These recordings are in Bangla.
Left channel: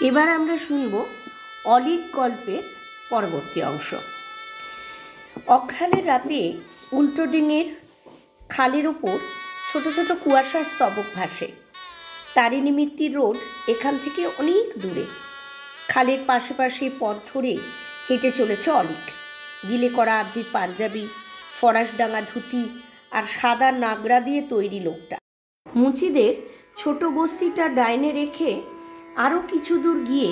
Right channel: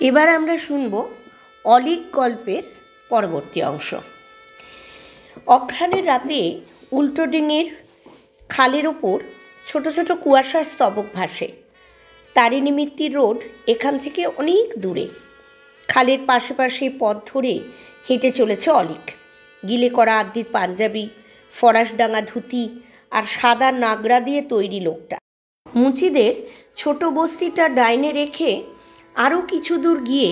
এবার আমরা শুনব অলীক গল্পের পরবর্তী অংশ। অঘ্রাণের রাতে উল্টো ডিঙির খালের ওপর ছোট ছোট কুয়াশার স্তবক ভাসে। তারিণী মিত্তির রোড এখান থেকে অনেক দূরে। খালের পাশে পাশে পথ ধরে হেঁটে চলেছে অলীক। গিলে করা আদ্যির পাঞ্জাবি, ফরাসডাঙ্গা ধুতি আর সাদা নাগরা দিয়ে তৈরি লোকটা। মুচিদের ছোট বস্তিটা ডাইনে রেখে আরও কিছু দূর গিয়ে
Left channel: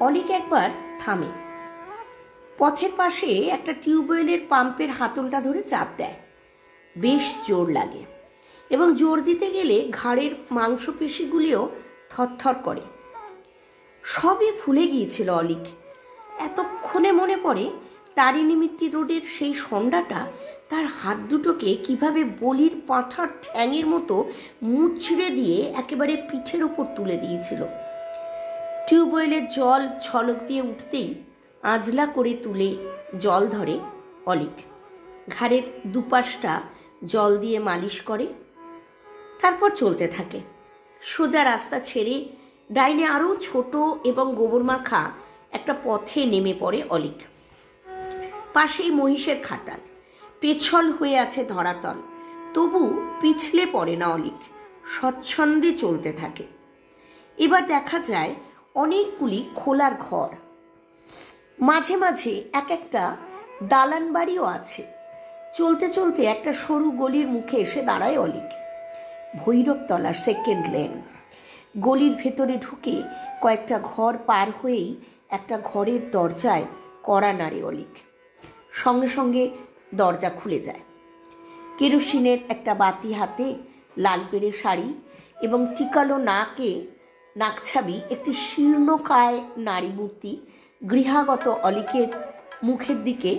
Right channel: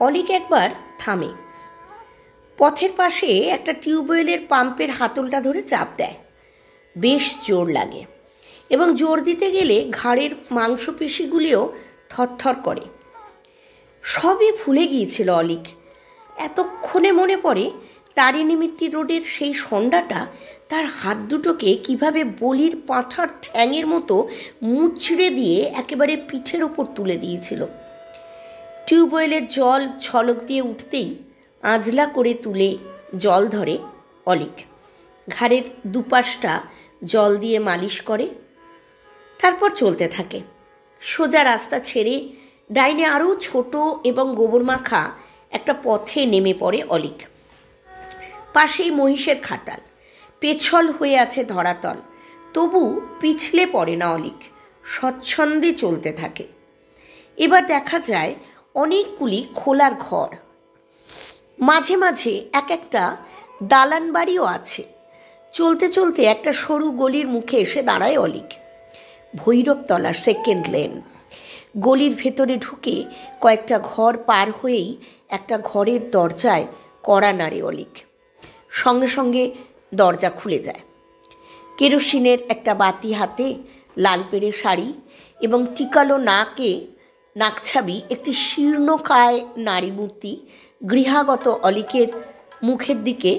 অলীক একবার থামে। পথের পাশে একটা টিউবওয়েলের পাম্পের হাতলটা ধরে চাপ দেয়। বেশ জোর লাগে এবং জোর দিতে গেলে ঘাড়ের মাংসপেশিগুলিও থরথর করে। সবই ভুলে গিয়েছিল অলীক। এতক্ষণে মনে পড়ে তারিণী মিত্তির রোডের সেই সন্ধ্যাটা তার হাত দুটোকে কিভাবে বলির পাঁঠার ঠ্যাঙের মতো মুচড়ে দিয়ে একেবারে পিঠের ওপর তুলে দিয়েছিল। টিউবওয়েলের জল ছলক দিয়ে উঠতেই আঁজলা করে তুলে জল ধরে অলীক। ঘাড়ের দুপাশটা জল দিয়ে মালিশ করে, তারপর চলতে থাকে। সোজা রাস্তা ছেড়ে ডাইনে আরও ছোট এবং গোবর মাখা একটা পথে নেমে পড়ে অলীক। পাশেই মহিষের খাটাল, পেছল হয়ে আছে ধরাতল, তবু পিছলে পড়ে না অলীক, স্বচ্ছন্দে চলতে থাকে। এবার দেখা যায় অনেকগুলি খোলার ঘর, মাঝে মাঝে এক একটা দালান বাড়িও আছে। চলতে চলতে একটা সরু গলির মুখে এসে দাঁড়ায় অলীক। Bhairabtala second lane. গলির ভেতরে ঢুকে কয়েকটা ঘর পার হয়েই একটা ঘরের দরজায় কড়া নাড়ে অলীক। সঙ্গে সঙ্গে দরজা খুলে যায়। কেরোসিনের একটা বাতি হাতে, লাল পেড়ে শাড়ি এবং টিকালো নাকছাবি একটি শীর্ণকায় নারী মূর্তি গৃহাগত অলীকের মুখের দিকে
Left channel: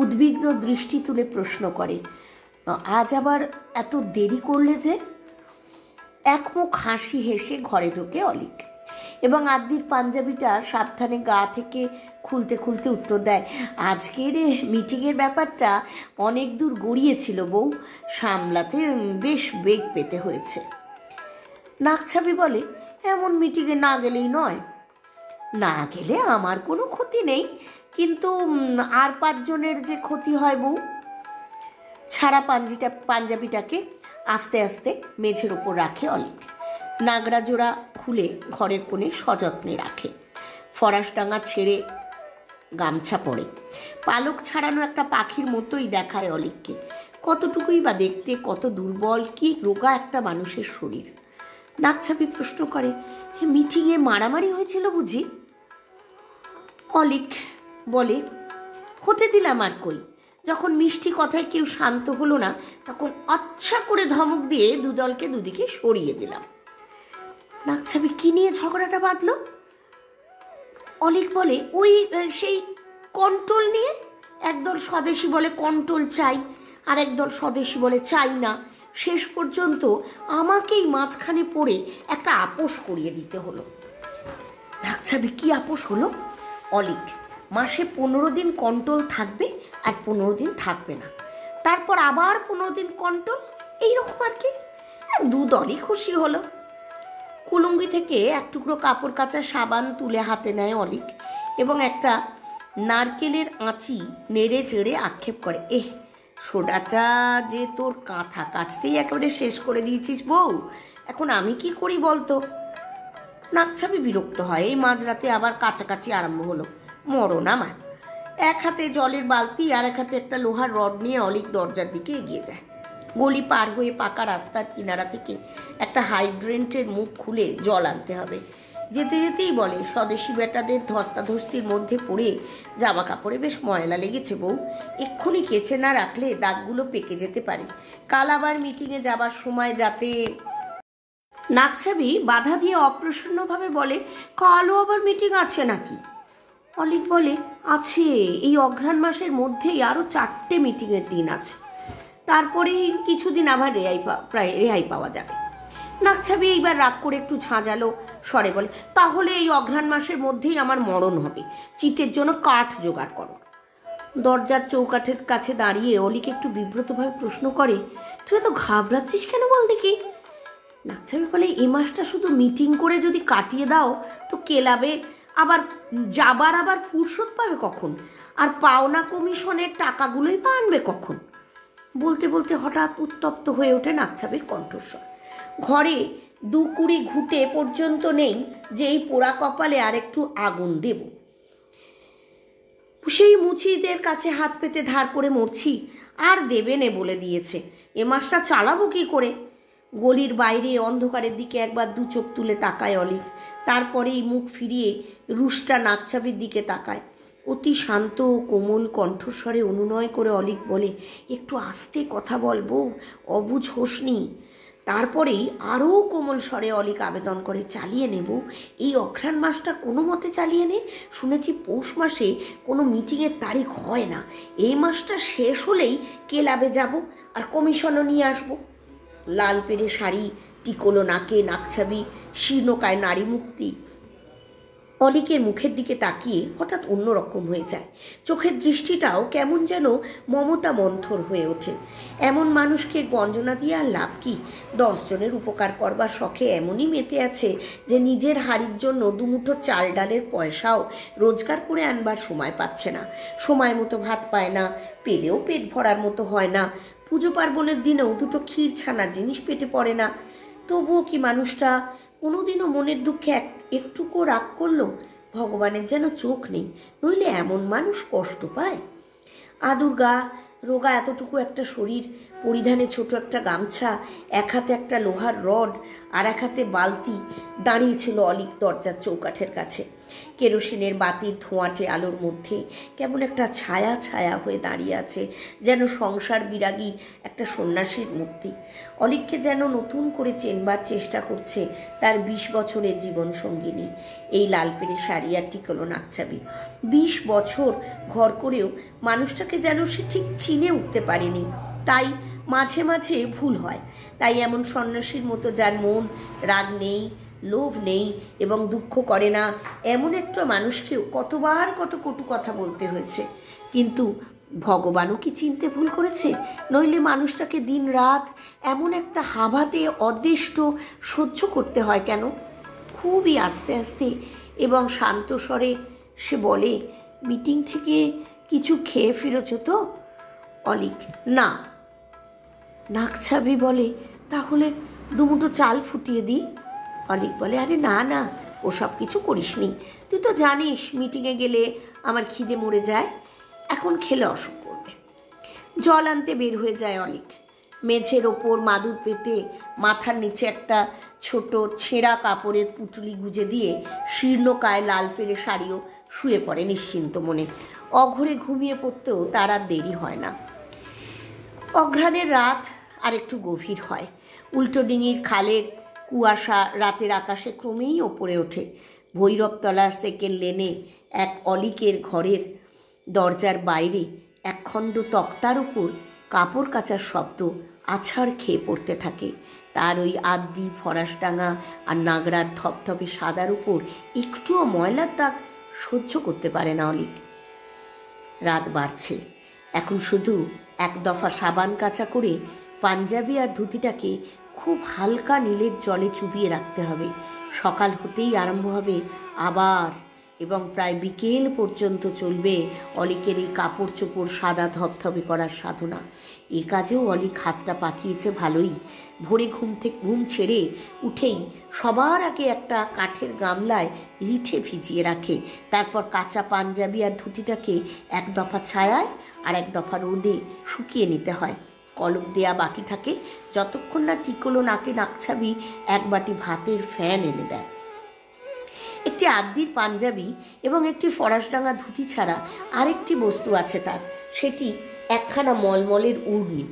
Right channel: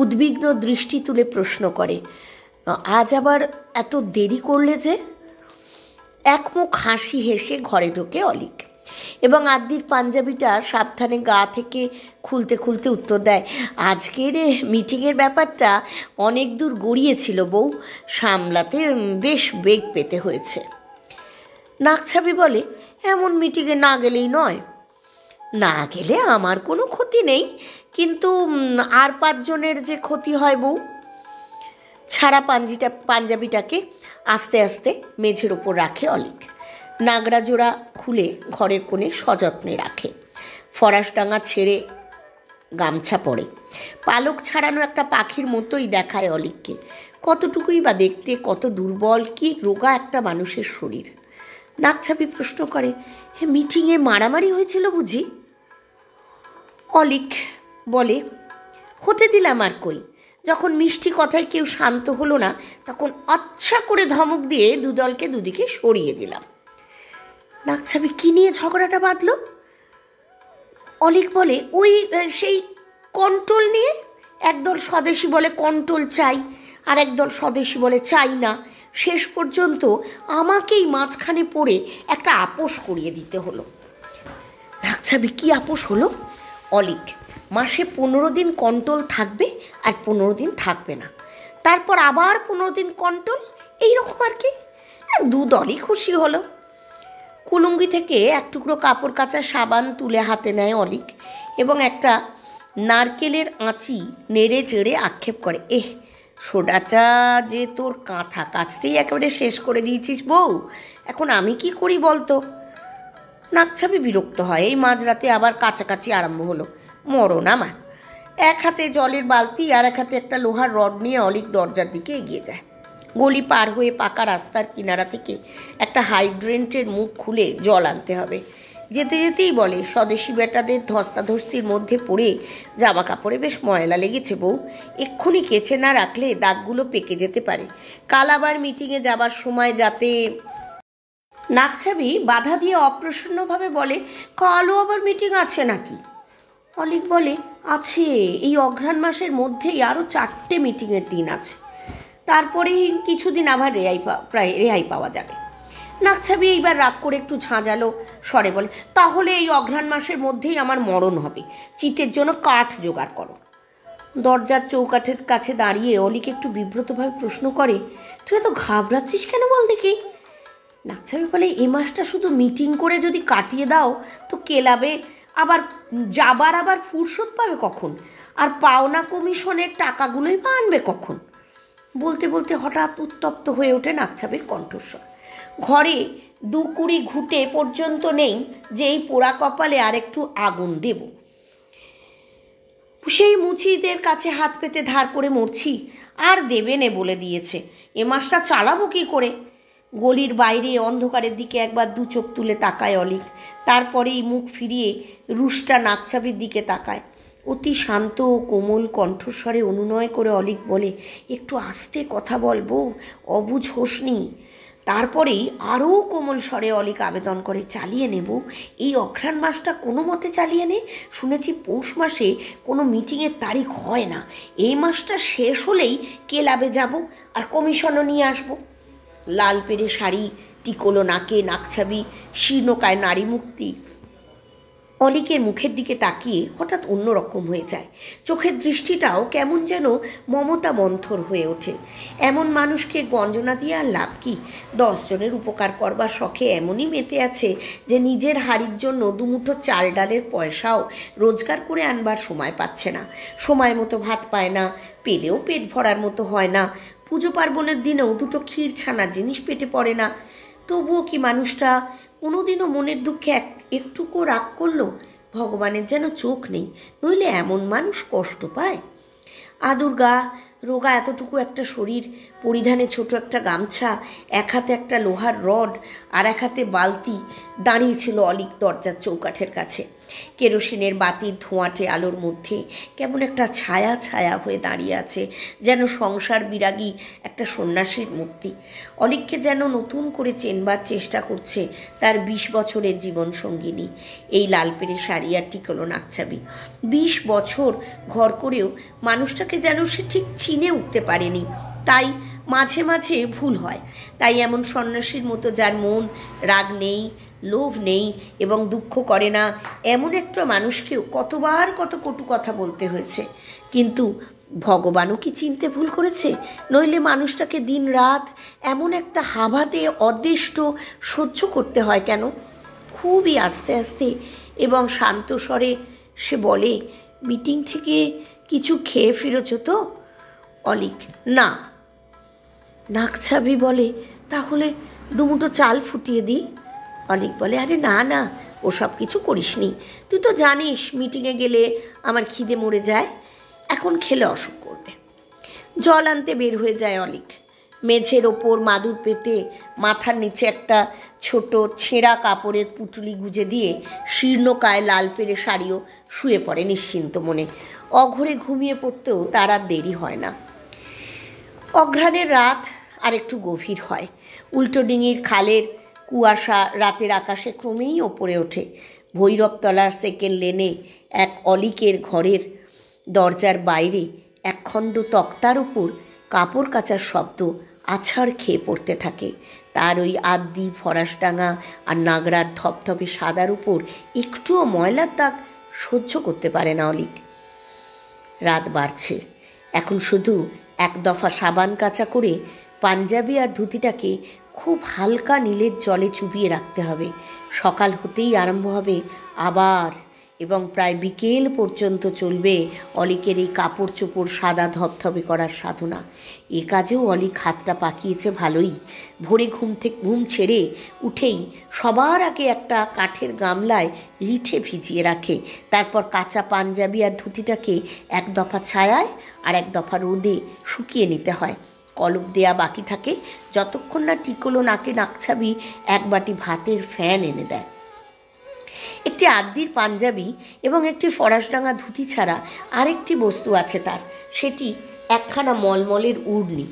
উদ্বিগ্ন দৃষ্টি তুলে প্রশ্ন করে, আজ আবার এত দেরি করলে যে? একমুখ হাসি হেসে ঘরে ঢোকে অলীক এবং আদ্যির পাঞ্জাবিটা সাবধানে গা থেকে খুলতে খুলতে উত্তর দেয়, আজকের মিটিংয়ের ব্যাপারটা অনেক দূর গড়িয়েছিল বউ, সামলাতে বেশ বেগ পেতে হয়েছে। নাকছাবি বলে, এমন মিটিংয়ে না গেলেই নয়। না গেলে আমার কোনো ক্ষতি নেই, কিন্তু আর 5 জনের যে ক্ষতি হয় বউ। ছাড়া পাঞ্জাবিটাকে আস্তে আস্তে মেঝের ওপর রাখে অলীক। নাগরা জোড়া খুলে ঘরের কোণে সযত্নে রাখে। ফরাসডাঙ্গা ছেড়ে গামছা পরে পালক ছাড়ানো একটা পাখির মতোই দেখায় অলীককে। কতটুকুই বা দেখতে, কত দুর্বল, কি রোগা একটা মানুষের শরীর। নাকছাবি প্রশ্ন করে, মিটিংয়ে মারামারি হয়েছিল বুঝি? অলীক বলে, হতে দিলাম আর কই। যখন মিষ্টি কথায় কেউ শান্ত হলো না, তখন আচ্ছা করে ধমক দিয়ে দুদলকে দুদিকে সরিয়ে দিলাম। নাকছাবি কি নিয়ে ঝগড়াটা বাঁধল? অলীক বলে, ওই সেই কন্ট্রোল নিয়ে। একদল স্বদেশী বলে কন্ট্রোল চাই, আর একদল স্বদেশী বলে চাই না। শেষ পর্যন্ত আমাকেই মাঝখানে পড়ে একটা আপোষ করিয়ে দিতে হলো। নাকছাবি, কি আপোষ হলো? অলীক, মাসে 15 দিন কন্ট্রোল থাকবে আর 15 দিন থাকবে না, তারপর আবার 15 দিন কন্ট্রোল, এইরকম আর কি। দুদলই খুশি হলো। কুলুঙ্গি থেকে এক টুকরো কাপড় কাচা সাবান তুলে হাতে নেয় অলীক এবং একটা নারকেলের আঁচি নেড়ে চেড়ে আক্ষেপ করে, সোডাটা যে তোর কাঁথা কাচতেই একেবারে শেষ করে দিয়েছিস বউ, এখন আমি কি করি বলতো? নাকছাবি বিরক্ত হয়। এই মাঝরাতে আবার কাছাকাছি আরম্ভ হলো। মরণ আমার। এক হাতে জলের বালতি আর এক হাতে একটা লোহার রড নিয়ে অলীক দরজার দিকে এগিয়ে যায়। গলি পার হয়ে পাকা রাস্তার কিনারা থেকে একটা হাইড্রেন্টের মুখ খুলে জল আনতে হবে। যেতে যেতেই বলে, স্বদেশি বেটাদের ধস্তাধস্তির মধ্যে পড়ে জামা কাপড়ে বেশ ময়লা লেগেছে বউ, এক্ষুনি কেচে না রাখলে দাগগুলো পেকে যেতে পারে। কাল আবার মিটিংয়ে যাবার সময় যাতে। নাকছাবি বাধা দিয়ে অপ্রসন্নভাবে বলে, কালও আবার মিটিং আছে নাকি? অলীক বলে, আছে, এই অঘ্রাণ মাসের মধ্যেই আরও 4টে মিটিংয়ের দিন আছে, তারপরেই কিছুদিন আবার রেহাই পাওয়া যাবে। নাকছাবি এইবার রাগ করে একটু ঝাঁঝালো স্বরে বলে, তাহলে এই অঘ্রাণ মাসের মধ্যেই আমার মরণ হবে, চিতের জন্য কাঠ জোগাড় করো। দরজার চৌকাঠের কাছে দাঁড়িয়ে অলীক একটু বিব্রতভাবে প্রশ্ন করে, তুই এত ঘাবড়াচ্ছিস কেন বল দেখি? নাকছাবি বলে, এই মাসটা শুধু মিটিং করে যদি কাটিয়ে দাও তো ক্লাবে আবার যাবার আবার ফুরসত পাবে কখন? আর পাওনা কমিশনের টাকাগুলোই বা আনবে কখন? বলতে বলতে হঠাৎ উত্তপ্ত হয়ে ওঠে নাকছাবির কণ্ঠস্বর। ঘরে 2 কুড়ি ঘুঁটে পর্যন্ত নেই যে এই পোড়া কপালে আর একটু আগুন দেব। সেই মুচিদের কাছে হাত পেতে ধার করে মরছি, আর দেবে নে বলে দিয়েছে। এ মাসটা চালাবো কি করে? গলির বাইরে অন্ধকারের দিকে একবার 2 চোখ তুলে তাকায় অলিক, তারপরেই মুখ ফিরিয়ে রুষ্টা নাকছাবির দিকে তাকায়। অতি শান্ত ও কোমল কণ্ঠস্বরে অনুনয় করে অলিক বলে, একটু আস্তে কথা বলবো, অবুঝ হোসনি। তারপরেই আরও কোমল স্বরে অলিক আবেদন করে, চালিয়ে নেব, এই অঘ্রাণ মাসটা কোনো মতে চালিয়ে নে। শুনেছি পৌষ মাসে কোনো মিটিংয়ের তারিখ হয় না, এই মাসটা শেষ হলেই ক্লাবে যাব আর কমিশনও নিয়ে আসবো। লাল পেড়ে শাড়ি, টিকলো নাকে নাকছাবি, শীর্ণকায় নারী মুক্তি অলিকের মুখের দিকে তাকিয়ে হঠাৎ অন্যরকম হয়ে যায়। চোখের দৃষ্টিটাও কেমন যেন মমতা মন্থর হয়ে ওঠে। এমন মানুষকে গঞ্জনা দিয়ে আর লাভ কি? 10 জনের উপকার করবার শখে এমনই মেতে আছে যে নিজের হাড়ির জন্য 2 মুঠো চাল ডালের পয়সাও রোজগার করে আনবার সময় পাচ্ছে না। সময় মতো ভাত পায় না, পেলেও পেট ভরার মতো হয় না। পুজো পার্বণের দিনেও 2টো ক্ষীর ছানার জিনিস পেটে পড়ে না। তবুও কি মানুষটা কোনোদিনও মনের দুঃখে একটুকু রাগ করলো? ভগবানের যেন চোখ নেই, নইলে এমন মানুষ কষ্ট পায়। আদুর্গা রোগা এতটুকু একটা শরীর, পরিধানে ছোট একটা গামছা, এক হাতে একটা লোহার রড আর এক হাতে বালতি, দাঁড়িয়েছিল অলিক দরজার চৌকাঠের কাছে। কেরোসিনের বাতির ধোঁয়াটে আলোর মধ্যে কেমন একটা ছায়া ছায়া হয়ে দাঁড়িয়ে আছে, যেন সংসার বিরাগী একটা সন্ন্যাসীর মূর্তি। অলিককে যেন নতুন করে চেনবার চেষ্টা করছে তার 20 বছরের জীবন সঙ্গিনী, এই লাল পেড়ে শাড়ি আর টিকলো নাকছাবি। 20 বছর ঘর করেও মানুষটাকে যেন সে ঠিক চিনে উঠতে পারেনি। তাই মাঝে মাঝে ভুল হয়। তাই এমন সন্ন্যাসীর মতো, যার মন রাগ নেই, লোভ নেই এবং দুঃখ করে না, এমন একটা মানুষকেও কতবার কত কটু কথা বলতে হয়েছে। কিন্তু ভগবানও কি চিনতে ভুল করেছে? নইলে মানুষটাকে দিন রাত এমন একটা হাভাতে অদৃষ্ট সহ্য করতে হয় কেন? খুবই আস্তে আস্তে এবং শান্ত স্বরে সে বলে, মিটিং থেকে কিছু খেয়ে ফিরেছ তো? অলিক, না। নাকছাবি বলে, তাহলে 2 মুঠো চাল ফুটিয়ে দিই। অলিক বলে, আরে না না, ওসব কিছু করিসনি। তুই তো জানিস মিটিংয়ে গেলে আমার খিদে মরে যায়, এখন খেলে অসুখ করবে। জল আনতে বের হয়ে যায় অলিক। মেঝের ওপর মাদুর পেতে মাথার নিচে একটা ছোট ছেঁড়া কাপড়ের পুটুলি গুজে দিয়ে শীর্ণকায় লাল পেড়ে শাড়িও শুয়ে পড়ে নিশ্চিন্ত মনে। অঘরে ঘুমিয়ে পড়তেও তার আর দেরি হয় না। অঘ্রাণের রাত আর একটু গভীর হয়। উল্টো ডিঙির খালের কুয়াশা রাতের আকাশে ক্রমেই ওপরে ওঠে। ভৈরবতলার সেকেন্ড লেনে এক অলিকের ঘরের দরজার বাইরে একখণ্ড তক্তার উপর কাপড় কাচার শব্দ আছাড় খেয়ে পড়তে থাকে। তার ওই আদ্যি ফরাসডাঙা আর নাগরার ধপধপে সাদার উপর একটুও ময়লার দাগ সহ্য করতে পারে না অলিক। রাত বাড়ছে, এখন শুধু 1 দফা সাবান কাচা করে পাঞ্জাবি আর ধুতিটাকে খুব হালকা নীলের জলে চুবিয়ে রাখতে হবে। সকাল হতেই আরম্ভ হবে আবার, এবং প্রায় বিকেল পর্যন্ত চলবে অলিকের এই কাপড় চোপড় সাদা ধবধবে করার সাধনা। এ কাজেও অলিক হাতটা পাকিয়েছে ভালোই। ভোরে ঘুম ছেড়ে উঠেই সবার আগে একটা কাঠের গামলায় রিঠে ভিজিয়ে রাখে। তারপর কাঁচা পাঞ্জাবি আর ধুতিটাকে 1 দফা ছায়ায় আর 1 দফা রোদে শুকিয়ে নিতে হয়। কলপ দেয়া বাকি থাকে যতক্ষণ না টিকলো নাকে নাকছাবি 1 বাটি ভাতের ফ্যান এনে দেয়। একটি আদ্যির পাঞ্জাবি এবং একটি ফরাসডাঙা ধুতি ছাড়া আরেকটি বস্তু আছে তার, সেটি একখানা মলমলের উড়নি।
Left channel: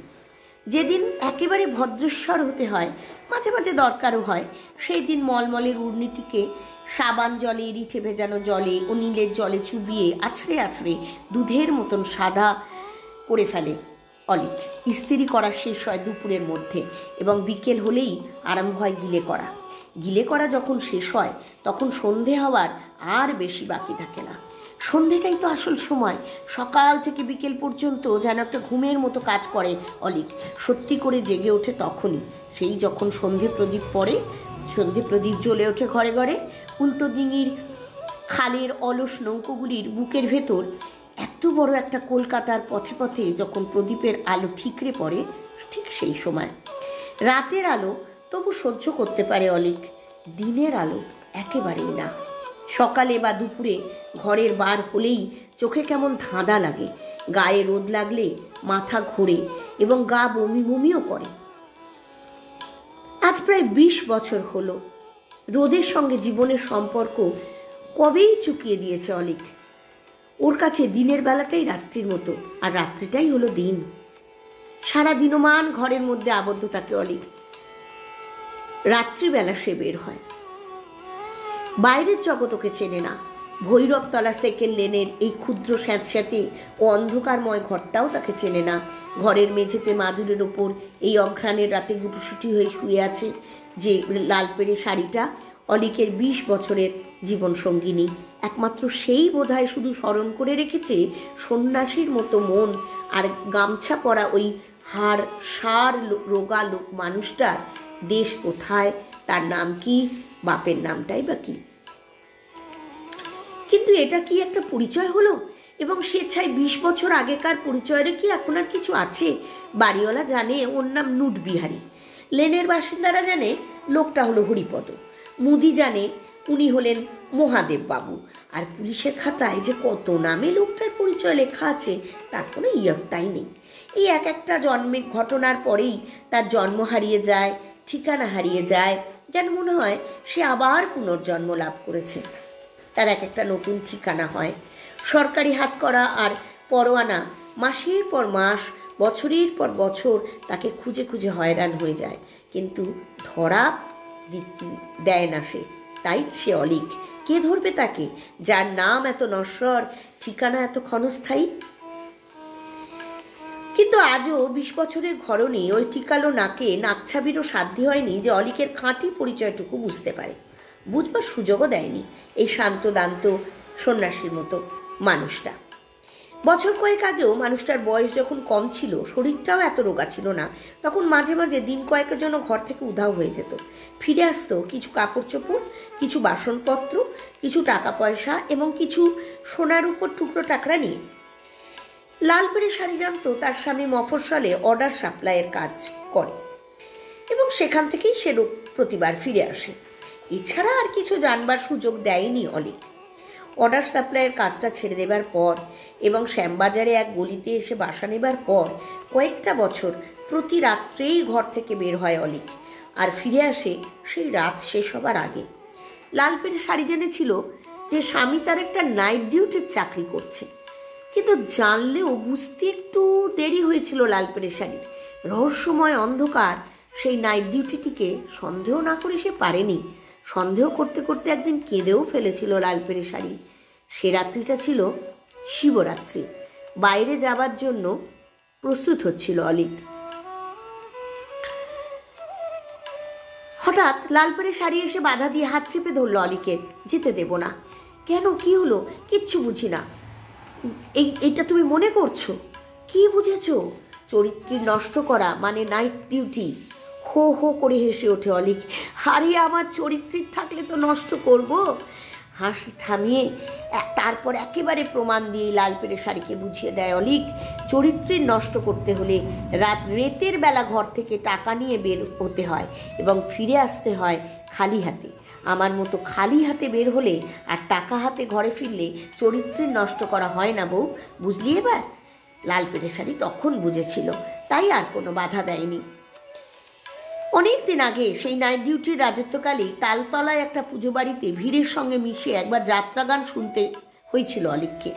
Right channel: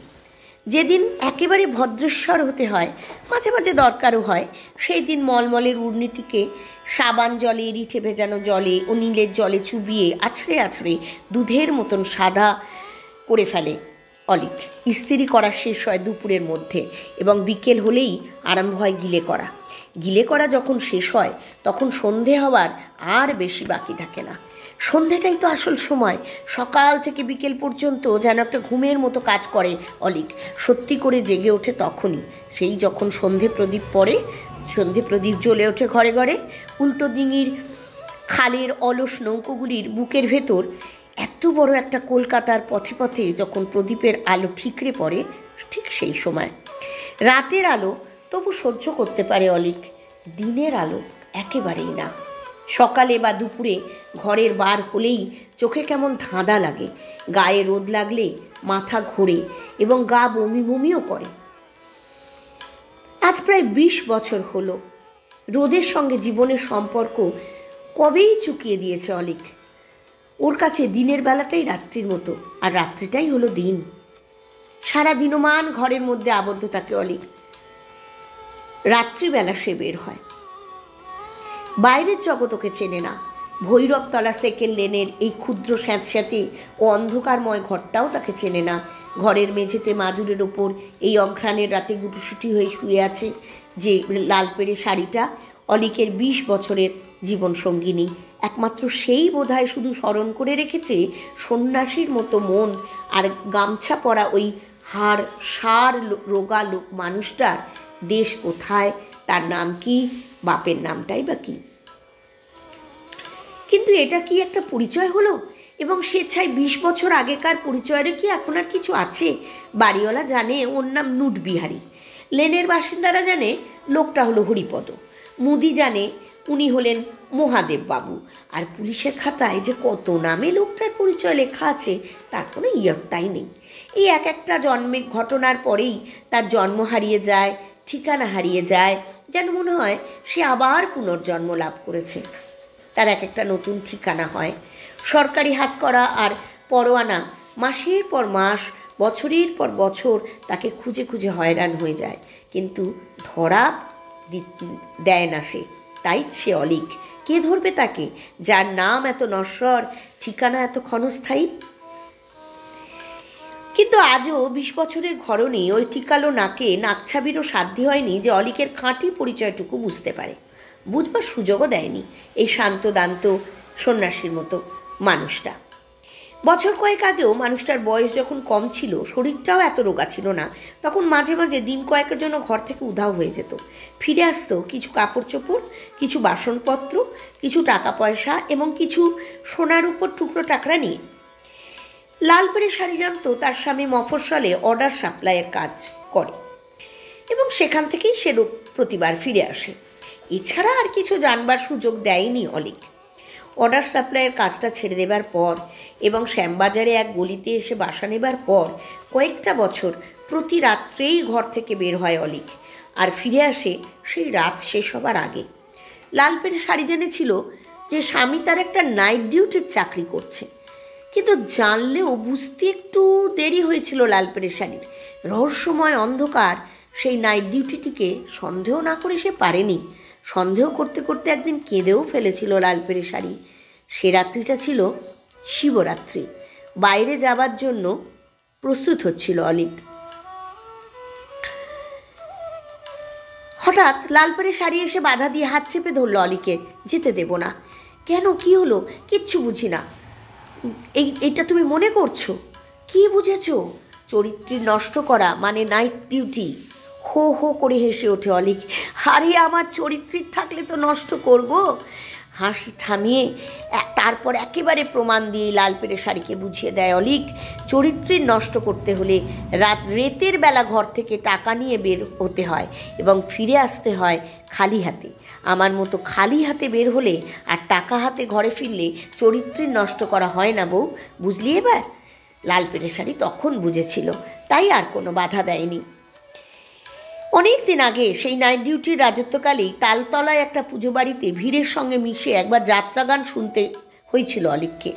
যেদিন একেবারে ভদ্রেশ্বর হতে হয়, মাঝে মাঝে দরকারও হয়, সেই দিন মলমলের উড়নিটিকে সাবান জলে, রিঠে ভেজানো জলে ও নীলের জলে চুবিয়ে আছড়ে আছড়ে দুধের মতন সাদা করে ফেলে অলিক। ইস্ত্রি করা শেষ হয় দুপুরের মধ্যে এবং বিকেল হলেই আরম্ভ হয় গিলে করা। গিলে করা যখন শেষ হয় তখন সন্ধে হওয়ার আর বেশি বাকি থাকে না। সন্ধেটাই তো আসল সময়। সকাল থেকে বিকেল পর্যন্ত যেন একটা ঘুমের মতো কাজ করে অলিক। সত্যি করে জেগে ওঠে তখনই, সেই যখন সন্ধে প্রদীপ পড়ে, সন্ধে প্রদীপ জ্বলে ওঠে ঘরে ঘরে। উল্টো ডিঙির খালের অলস নৌকোগুলির বুকের ভেতর এত বড় একটা কলকাতার পথে পথে যখন প্রদীপের আলো ঠিকরে পড়ে, ঠিক সেই সময় রাতের আলো তবু সহ্য করতে পারে অলিক, দিনের আলো একেবারেই না। সকালে বা দুপুরে ঘরের বার হলেই চোখে কেমন ধাঁধা লাগে, গায়ে রোদ লাগলে মাথা ঘোরে এবং গা বমি বমিও করে। আজ প্রায় 20 বছর হলো রোদের সঙ্গে জীবনের সম্পর্ক কবেই চুকিয়ে দিয়েছে অলিক। ওর কাছে দিনের বেলাটাই রাত্রির মতো, আর রাত্রিটাই হলো দিন। সারা দিনমান ঘরের মধ্যে আবদ্ধ থাকে অলিক। রাত্রিবেলা সে বের হয়, বাইরের জগৎ ওকে চেনে না। ভৈরবতলা সেকেন্ড লেনের এই ক্ষুদ্র স্যাঁতস্যাঁতে ও অন্ধকারময় ঘরটাও তাকে চেনে না। ঘরের মেঝেতে মাদুরের ওপর এই অঘ্রাণের রাতে গুটুসুটি হয়ে শুয়ে আছে যে লাল পেড়ে শাড়িটা অলিকের 20 বছরের জীবন সঙ্গিনী। একমাত্র সেই বোধহয় শুধু স্মরণ করে রেখেছে সন্ন্যাসীর মতো মন আর গামছা পরা ওই হাড় সার রোগা লোক মানুষটার দেশ কোথায়, তার নাম কি, বাপের নামটাই বা কি। কিন্তু এটা কি একটা পরিচয় হলো? এবং স্বেচ্ছায় 20 বছর আগেকার পরিচয়েরও কি এখন আর কিছু আছে? বাড়িওয়ালা জানে ওর নাম নুটবিহারী, লেনের বাসিন্দারা জানে লোকটা হলো হরিপদ, মুদি জানে উনি হলেন মহাদেব বাবু, আর পুলিশের খাতায় যে কত নামে লোকটার পরিচয় লেখা আছে তার কোনো ইয়ত্তাই নেই। এই এক একটা জন্মের ঘটনার পরেই তার জন্ম হারিয়ে যায়, ঠিকানা হারিয়ে যায়, যেন মনে হয় সে আবার পুনর্জন্ম লাভ করেছে। তার এক একটা নতুন ঠিকানা হয়, সরকারি হাতকড়া আর পরোয়ানা মাসের পর মাস, বছরের পর বছর তাকে খুঁজে খুঁজে হয়রান হয়ে যায়, কিন্তু ধরা দেয় না সে। তাই সে অলিক। কে ধরবে তাকে, যার নাম এত নশ্বর, ঠিকানা এত ক্ষণস্থায়ী? কিন্তু আজও 20 বছরের ঘরণী ওই টিকালো নাকে নাকছাবিরও সাধ্য হয়নি যে অলিকের খাঁটি পরিচয়টুকু বুঝতে পারে। বুঝবার সুযোগও দেয়নি এই শান্ত দান্ত সন্ন্যাসীর মতো মানুষটা। বছর কয়েক আগেও মানুষটার বয়স যখন কম ছিল, শরীরটাও এত রোগা ছিল না, তখন মাঝে মাঝে দিন কয়েকের জন্য ঘর থেকে উধাও হয়ে যেত। ফিরে আসতো কিছু কাপড় চোপড়, কিছু বাসনপত্র, কিছু টাকা পয়সা এবং কিছু সোনার উপর টুকরো টাকরা নিয়ে। লাল পেড়ে শাড়ি জানতো তার স্বামী মফস্বলে অর্ডার সাপ্লাইয়ের কাজ করে এবং সেখান থেকেই সে প্রতিবার ফিরে আসে। এছাড়া আর কিছু জানবার সুযোগ দেয়নি অলিক। অর্ডার সাপ্লাইয়ের কাজটা ছেড়ে দেবার পর এবং শ্যামবাজারে এক গলিতে এসে বাসা নেবার পর কয়েকটা বছর প্রতি রাত্রেই ঘর থেকে বের হয় অলিক, আর ফিরে আসে সেই রাত শেষ হবার আগে। লাল পেড়ে শাড়ি জেনেছিল যে স্বামী তার একটা নাইট ডিউটির চাকরি করছে, কিন্তু জানলেও বুঝতে একটু দেরি হয়েছিল লাল পেড়ে শাড়ির। রহস্যময় অন্ধকার সেই নাইট ডিউটিটিকে সন্দেহ না করে সে পারেনি। সন্দেহ করতে করতে একদিন কেঁদেও ফেলেছিল লাল পেড়ে শাড়ি। সে রাত্রিটা ছিল শিবরাত্রি। বাইরে যাবার জন্য প্রস্তুত হচ্ছিল অলিক। হঠাৎ লাল পেড়ে শাড়ি এসে বাধা দিয়ে হাত চেপে ধরল অলিকে। যেতে দেব না। কেন, কি হলো? কিচ্ছু বুঝি না। এইটা তুমি মনে করছো? কি বুঝেছো? চরিত্রের নষ্ট করা মানে নাইট ডিউটি। হো হো করে হেসে ওঠে অলিক। আরে আমার চরিত্রের থাকলে তো নষ্ট করব। হাসি থামিয়ে তারপর একেবারে প্রমাণ দিয়ে লাল পেড়ে শাড়িকে বুঝিয়ে দেয় অলিক, চরিত্রের নষ্ট করতে হলে রাতের বেলা ঘর থেকে টাকা নিয়ে বের হতে হয় এবং ফিরে আসতে হয় খালি হাতে। আমার মতো খালি হাতে বের হলে আর টাকা হাতে ঘরে ফিরলে চরিত্রের নষ্ট করা হয় না বউ, বুঝলি এবার? লাল পেড়ে শাড়ি তখন বুঝেছিল, তাই আর কোনো বাধা দেয়নি। অনেক দিন আগে সেই নাইট ডিউটির রাজত্বকালেই তালতলায় একটা পুজো বাড়িতে ভিড়ের সঙ্গে মিশে একবার যাত্রা গান শুনতে হয়েছিল অলিককে।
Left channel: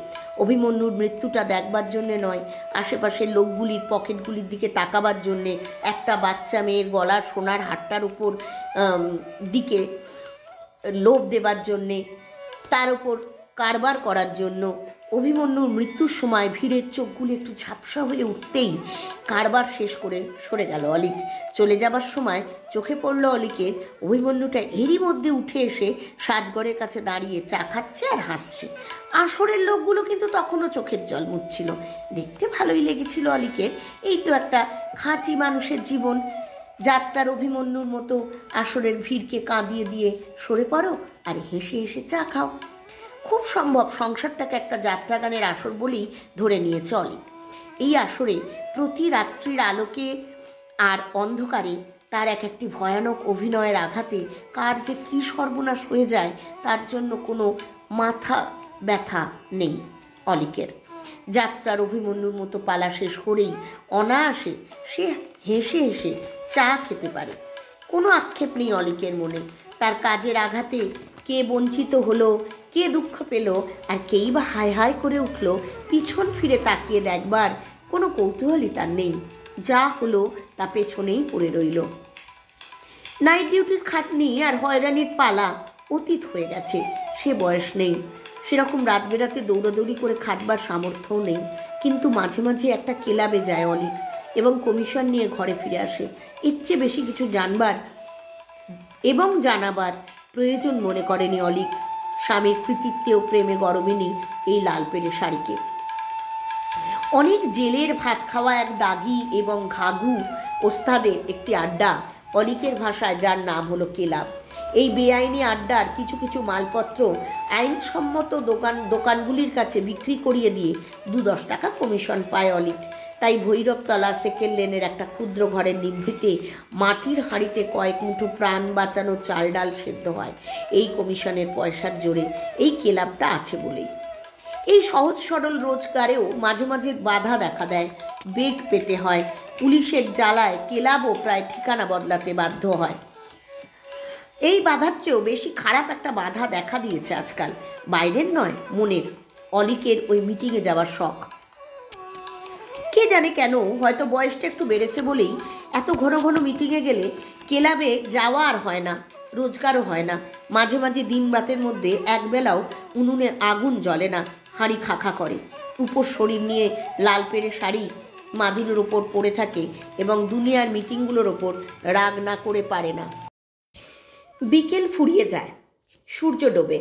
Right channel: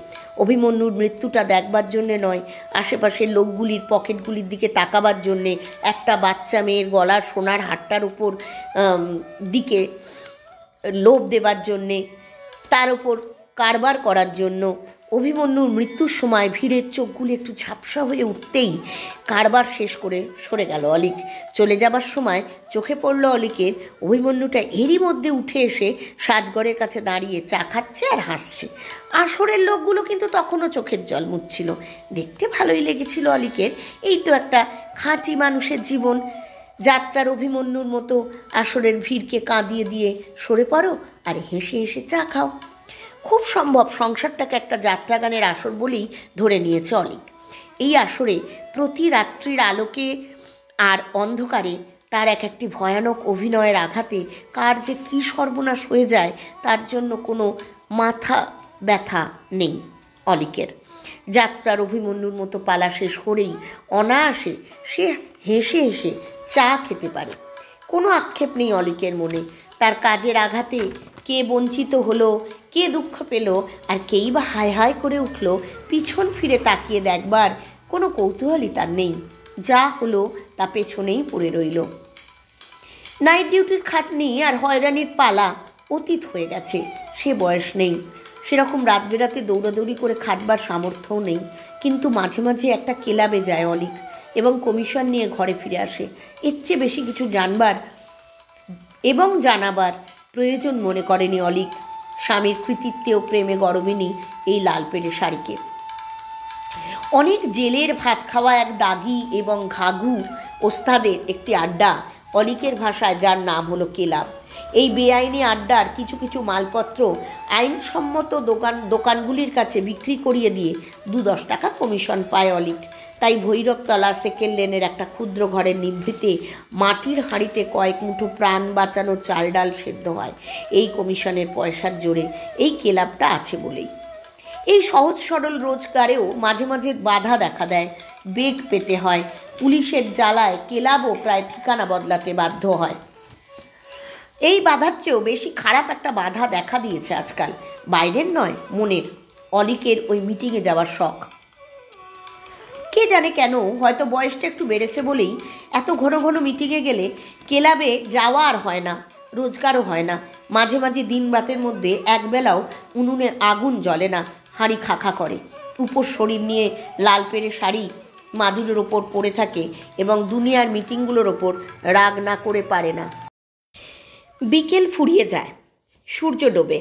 অভিমন্যুর মৃত্যুটা দেখবার জন্যে নয়, আশেপাশের লোকগুলির পকেটগুলির দিকে তাকাবার জন্যে, একটা বাচ্চা মেয়ের গলার সোনার হারটার উপর দিকে লোভ দেবার জন্যে, তার উপর কারবার করার জন্য। অভিমন্যুর মৃত্যুর সময় ভিড়ের চোখগুলি একটু ঝাপসা হয়ে উঠতেই কারবার শেষ করে সরে গেল অলিক। চলে যাবার সময় চোখে পড়ল অলিকের অভিমন্যুটা এরই মধ্যে উঠে এসে সাজঘরের কাছে দাঁড়িয়ে চা খাচ্ছে আর হাসছে। আসরের লোকগুলো কিন্তু তখনও চোখের জল মুছছিল। দেখতে ভালোই লেগেছিল অলিকের। এই তো একটা খাঁটি মানুষের জীবন। যাত্রার অভিমন্যুর মতো আসরের ভিড়কে কাঁদিয়ে দিয়ে সরে পড়ো আর হেসে হেসে চা খাও। খুব সম্ভব সংসারটাকে একটা যাত্রা গানের আসর বলেই ধরে নিয়েছে অলিক। এই আসরে প্রতি রাত্রির আলোকে আর অন্ধকারে তার এক একটি ভয়ানক অভিনয়ের আঘাতে কার যে কী সর্বনাশ হয়ে যায় তার জন্য কোনো মাথা ব্যথা নেই অলিকের। যাত্রার অভিমন্যুর মতো পালা শেষ করেই অনায়াসে সে হেসে হেসে চা খেতে পারে। কোনো আক্ষেপ নেই অলিকের মনে। তার কাজের আঘাতে কে বঞ্চিত হলো, কে দুঃখ পেল, আর কেই বা হায় হায় করে উঠল পিছন ফিরে তাকিয়ে দেখবার কোনো কৌতূহলই তার নেই। যা হলো তা পেছনেই পড়ে রইল। নাইট ডিউটির খাটনি আর হয়রানির পালা অতীত হয়ে গেছে। সে বয়স নেই, সেরকম রাত বেরাতে দৌড়াদৌড়ি করে খাটবার সামর্থ্যও নেই। কিন্তু মাঝে মাঝে একটা ক্লাবে যায় অলিক এবং কমিশন নিয়ে ঘরে ফিরে আসে। এর চেয়ে বেশি কিছু জানবার এবং জানাবার প্রয়োজন মনে করেনি অলিক। স্বামীর কৃতিত্বে ও প্রেমে গরমিনী এই লাল পেড়ে শাড়িকে। অনেক জেলের ভাত খাওয়া এক দাগি এবং ঘাঘু ওস্তাদের একটি আড্ডা, অলিকের ভাষায় যার নাম হলো ক্লাব। এই বেআইনি আড্ডার কিছু কিছু মালপত্র আইনসম্মত দোকানগুলির কাছে বিক্রি করিয়ে দিয়ে 2-10 টাকা কমিশন পায় অলিক। তাই ভৈরবতলার সেকেন্ড লেনের একটা ক্ষুদ্র ঘরের নিভৃতে মাটির হাঁড়িতে কয়েক মুঠো প্রাণ বাঁচানো চাল ডাল সেদ্ধ হয় এই কমিশনের পয়সার জোরে। এই ক্লাবটা আছে বলেই এই সহজ সরল রোজগারেও মাঝে মাঝে বাধা দেখা দেয়, বেগ পেতে হয়। পুলিশের জ্বালায় ক্লাবও প্রায় ঠিকানা বদলাতে বাধ্য হয়। এই বাধার চেয়েও বেশি খারাপ একটা বাধা দেখা দিয়েছে আজকাল, বাইরের নয় মনের। অলিকের ওই মিটিংয়ে যাওয়ার শখ। কে জানে কেন, হয়তো বয়সটা একটু বেড়েছে বলেই এত ঘন ঘন মিটিংয়ে গেলে ক্লাবে যাওয়া আর হয় না, রোজগারও হয় না। মাঝে মাঝে দিন রাতের মধ্যে একবেলাও উনুনে আগুন জ্বলে না, হাঁড়ি খাখা করে। উপর শরীর নিয়ে লাল পেড়ে শাড়ি মাদুরের ওপর পড়ে থাকে এবং দুনিয়ার মিটিংগুলোর ওপর রাগ না করে পারে না। বিকেল ফুরিয়ে যায়, সূর্য ডোবে,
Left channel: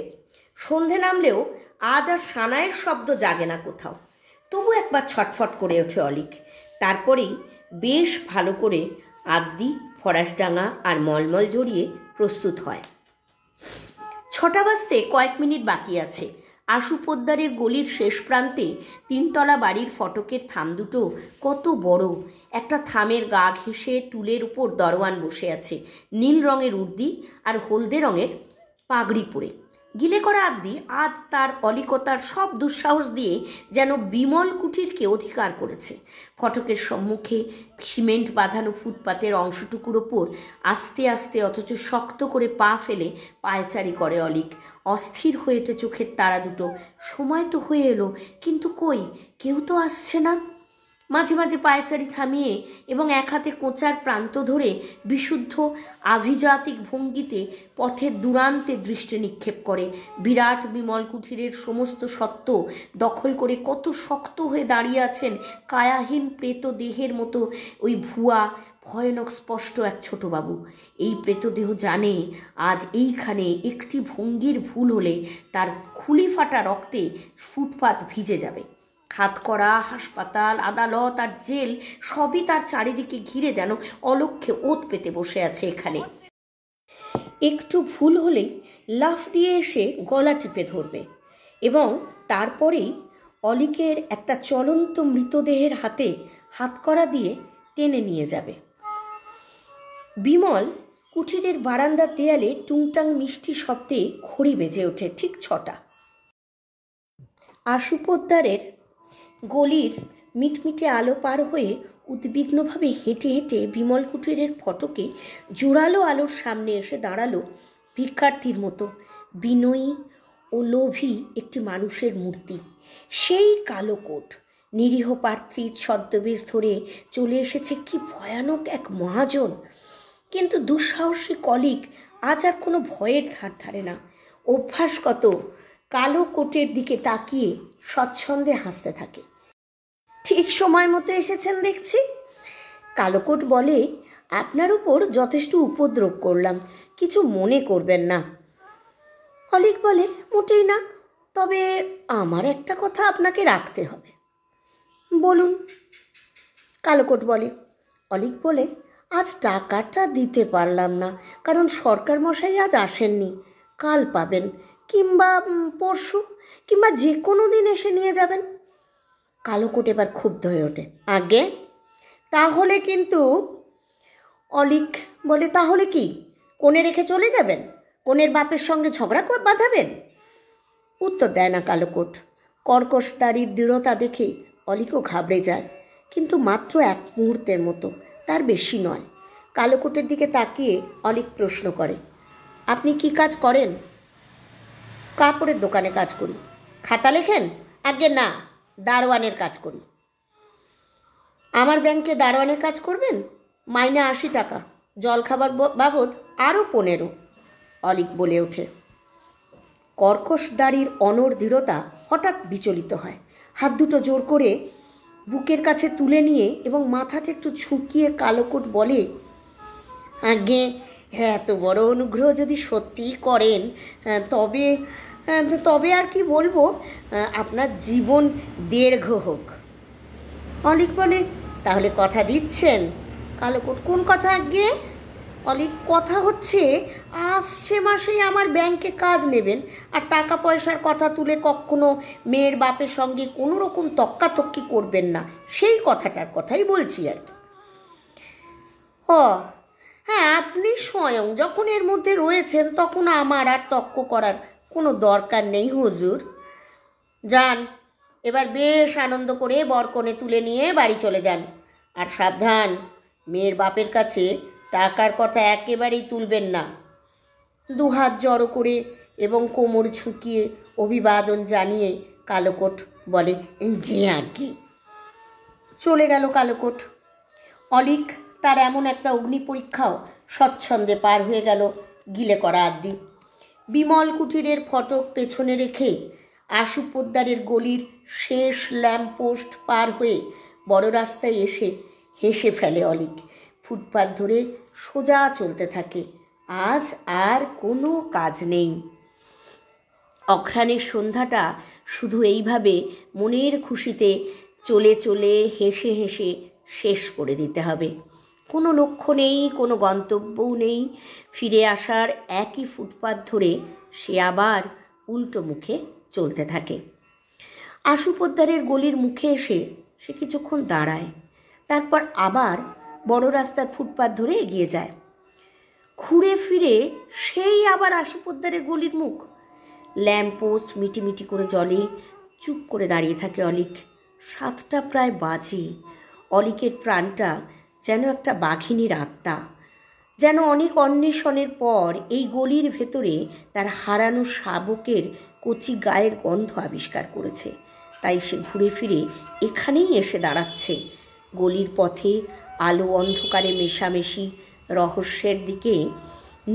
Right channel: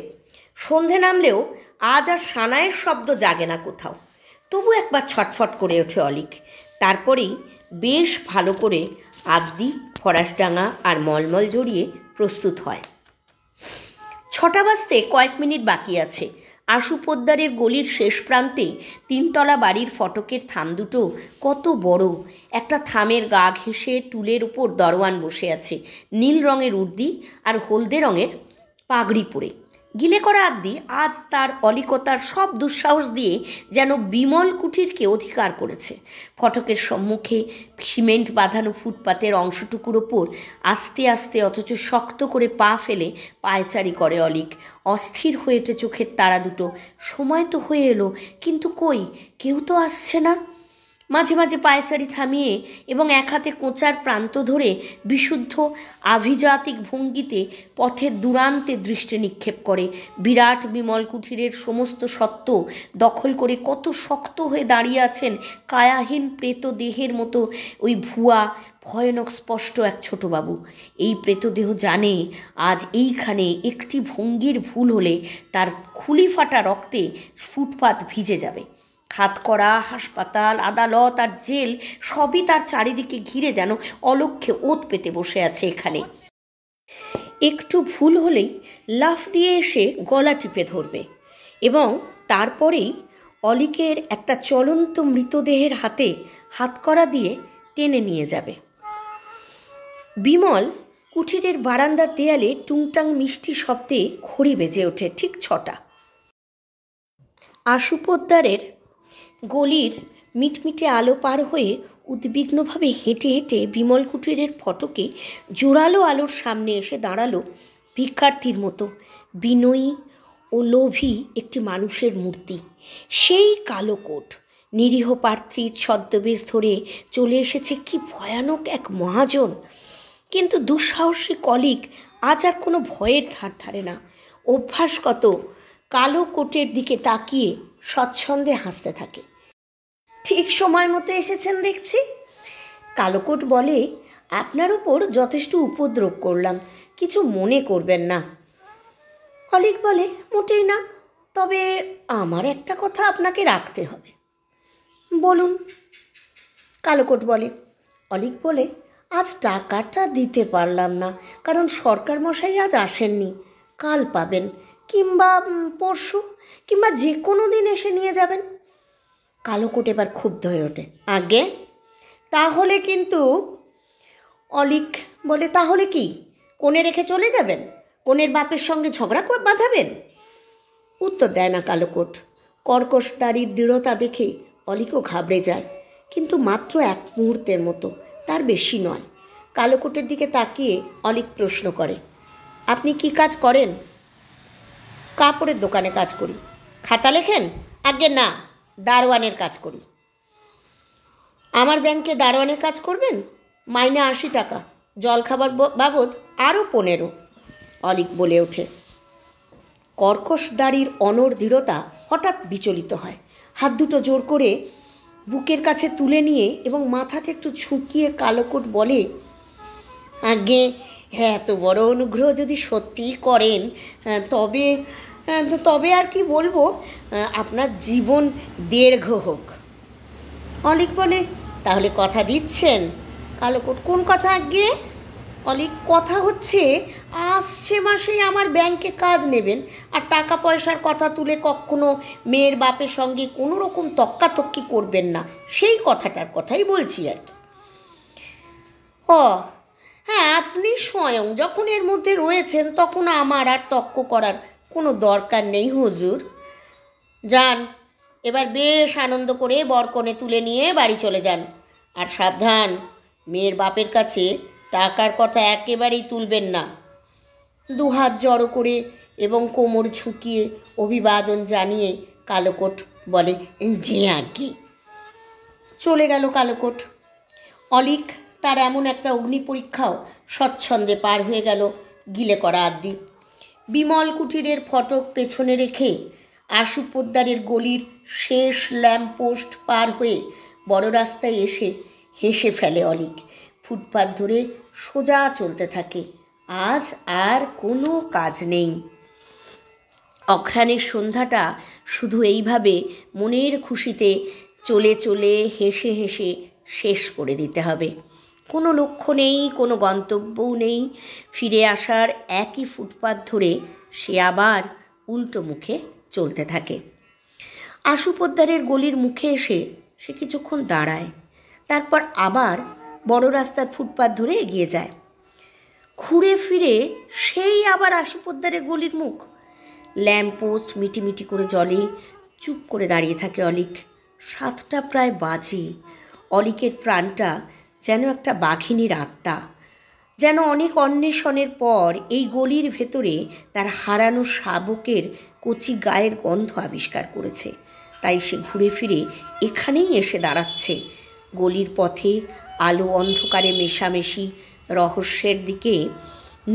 সন্ধে নামলেও আজ আর সানাইয়ের শব্দ জাগে না কোথাও। তবু একবার ছটফট করে ওঠে অলিক। তারপরেই বেশ ভালো করে আদ্দি, ফরাসডাঙ্গা আর মলমল জড়িয়ে প্রস্তুত হয়। 6টা বাজতে কয়েক মিনিট বাকি আছে। আশু পোদ্দারের গলির শেষ প্রান্তে 3তলা বাড়ির ফটকের থাম দুটো কত বড়। একটা থামের গা ঘেঁষে টুলের উপর দরওয়ান বসে আছে, নীল রঙের উর্দি আর হলদে রঙের পাগড়ি পরে। গিলে করা আদ্দি আজ তার অলিকতার সব দুঃসাহস দিয়ে যেন বিমল কুঠিরকে অধিকার করেছে। ফটকের সম্মুখে সিমেন্ট বাঁধানো ফুটপাতের অংশটুকুর ওপর আস্তে আস্তে অথচ শক্ত করে পা ফেলে পায়চারি করে অলিক। অস্থির হয়ে ওঠে চোখের তারা দুটো। সময় তো হয়ে এলো, কিন্তু কই, কেউ তো আসছে না। মাঝে মাঝে পায়চারি থামিয়ে এবং এক হাতে কোঁচার প্রান্ত ধরে বিশুদ্ধ আভিজাতিক ভঙ্গিতে পথের দূরান্তে দৃষ্টি নিক্ষেপ করে। বিরাট বিমল কুঠিরের সমস্ত সত্ত্ব দখল করে কত শক্ত হয়ে দাঁড়িয়ে আছেন কায়াহীন প্রেত দেহের মতো ওই ভুয়া ভয়ানক স্পষ্ট এক ছোটবাবু। এই প্রেতদেহ জানে আজ এইখানে একটি ভঙ্গির ভুল হলে তার খুলি ফাটা রক্তে ফুটপাত ভিজে যাবে। হাতকড়া, হাসপাতাল, আদালত আর জেল সবই তার চারিদিকে ঘিরে যেন অলক্ষ্যে ওত পেতে বসে আছে এখানে। একটু ভুল হলেই লাফ দিয়ে এসে গলা টিপে ধরবে এবং তারপরেই অলিকের একটা চলন্ত মৃতদেহের হাতে হাতকড়া দিয়ে টেনে নিয়ে যাবে। বিমল কুঠিরের বারান্দার দেয়ালে টুংটাং মিষ্টি শব্দে ঘড়ি বেজে ওঠে ঠিক 6টা। আশু পোদ্দারের গলির মিটমিটে আলো পার হয়ে উদ্বিগ্নভাবে হেঁটে হেঁটে বিমল কুঠিরের ফটকে জোরালো আলোর সামনে এসে দাঁড়ালো ভিক্ষার্থীর মতো বিনয়ী ও লোভী একটি মানুষের মূর্তি। সেই কালো কোট, নিরীহ প্রার্থীর ছদ্মবেশ ধরে চলে এসেছে কি ভয়ানক এক মহাজন। কিন্তু দুঃসাহসী অলিক আজ আর কোনো ভয়ের ধার ধারে না। অভ্যাসগত কালো কোটের দিকে তাকিয়ে স্বচ্ছন্দে হাসতে থাকে। ঠিক সময় মতো এসেছেন দেখছি। কালোকোট বলে, আপনার উপর যথেষ্ট উপদ্রব করলাম, কিছু মনে করবেন না। অলিক বলে, মোটেই না, তবে আমার একটা কথা আপনাকে রাখতে হবে। বলুন। কালোকোট বলে। অলিক বলে, আজ টাকাটা দিতে পারলাম না, কারণ সরকার মশাই আজ আসেননি। কাল পাবেন, কিংবা পরশু, কিংবা যে কোনো দিন এসে নিয়ে যাবেন। কালোকোট এবার ক্ষুব্ধ হয়ে ওঠে। আগে তাহলে কিন্তু, অলিক বলে, তাহলে কি কোণে রেখে চলে যাবেন? কোণের বাপের সঙ্গে ঝগড়া বাঁধাবেন? উত্তর দেয় না কালোকোট। কর্কশ দাড়ির দৃঢ়তা দেখে অলিকও ঘাবড়ে যায়, কিন্তু মাত্র এক মুহূর্তের মতো, তার বেশি নয়। কালোকোটের দিকে তাকিয়ে অলিক প্রশ্ন করে, আপনি কি কাজ করেন? কাপড়ের দোকানে কাজ করি। খাতা লেখেন? আগে না, দারোয়ানের কাজ করি। আমার ব্যাংকে দারোয়ানের কাজ করবেন? মাইনে 80 টাকা, জলখাবার বাবদ আরও 15। অলিক বলে ওঠে। কর্কশ দাড়ির অনড় দৃঢ়তা হঠাৎ বিচলিত হয়। হাত দুটো জোর করে বুকের কাছে তুলে নিয়ে এবং মাথাটা একটু ঝুঁকিয়ে কালোকোট বলে, আগে হ্যাঁ, এত বড় অনুগ্রহ যদি সত্যিই করেন তবে তবে আর কি বলবো, আপনার জীবন দীর্ঘ হোক। অলিক বলে, তাহলে কথা দিচ্ছেন? কালোকোট, কোন কথা আগে? অলিক, কথা হচ্ছে আসছে মাসেই আমার ব্যাংকে কাজ নেবেন, আর টাকা পয়সার কথা তুলে কখনো মেয়ের বাপের সঙ্গে কোনো রকম তক্কাতক্কি করবেন না, সেই কথাটার কথাই বলছি আর কি। ও হ্যাঁ, আপনি স্বয়ং যখন এর মধ্যে রয়েছেন তখন আমার আর তক্ক করার কোনো দরকার নেই হুজুর। যান, এবার বেশ আনন্দ করে বরকনে তুলে নিয়ে বাড়ি চলে যান। আর সাবধান, মেয়ের বাপের কাছে টাকার কথা একেবারেই তুলবেন না। দুহাত জড়ো করে এবং কোমর ঝুঁকিয়ে অভিবাদন জানিয়ে কালোকোট বলে, জি আজ্ঞে। চলে গেল কালোকোট। অলিক তার এমন একটা অগ্নি পরীক্ষাও স্বচ্ছন্দে পার হয়ে গেল গিলে করা আদ্যি। বিমল কুটিরের ফটক পেছনে রেখে আশু পোদ্দারের গলির শেষ ল্যাম্পপোস্ট পার হয়ে বড় রাস্তায় এসে হেসে ফেলে অলিক। ফুটপাত ধরে সোজা চলতে থাকে। আজ আর কোনো কাজ নেই। অঘ্রাণের সন্ধ্যাটা শুধু এইভাবে মনের খুশিতে চলে চলে হেসে হেসে শেষ করে দিতে হবে। কোনো লক্ষ্য নেই, কোনো গন্তব্যও নেই। ফিরে আসার একই ফুটপাত ধরে সে আবার উল্টো মুখে চলতে থাকে। আশু পোদ্দারের গলির মুখে এসে সে কিছুক্ষণ দাঁড়ায়, তারপর আবার বড় রাস্তার ফুটপাত ধরে এগিয়ে যায়। ঘুরে ফিরে সেই আবার আশু পোদ্দারের গলির মুখ। ল্যাম্পপোস্ট মিটিমিটি করে জ্বলে। চুপ করে দাঁড়িয়ে থাকে অলিক। 7টা প্রায় বাজে। অলিকের প্রাণটা যেন একটা বাঘিনীর আত্মা, যেন অনেক অন্বেষণের পর এই গলির ভেতরে তার হারানো শাবকের কচি গায়ের গন্ধ আবিষ্কার করেছে। তাই সে ঘুরে ফিরে এখানেই এসে দাঁড়াচ্ছে। গলির পথে আলো অন্ধকারে মেশামেশি রহস্যের দিকে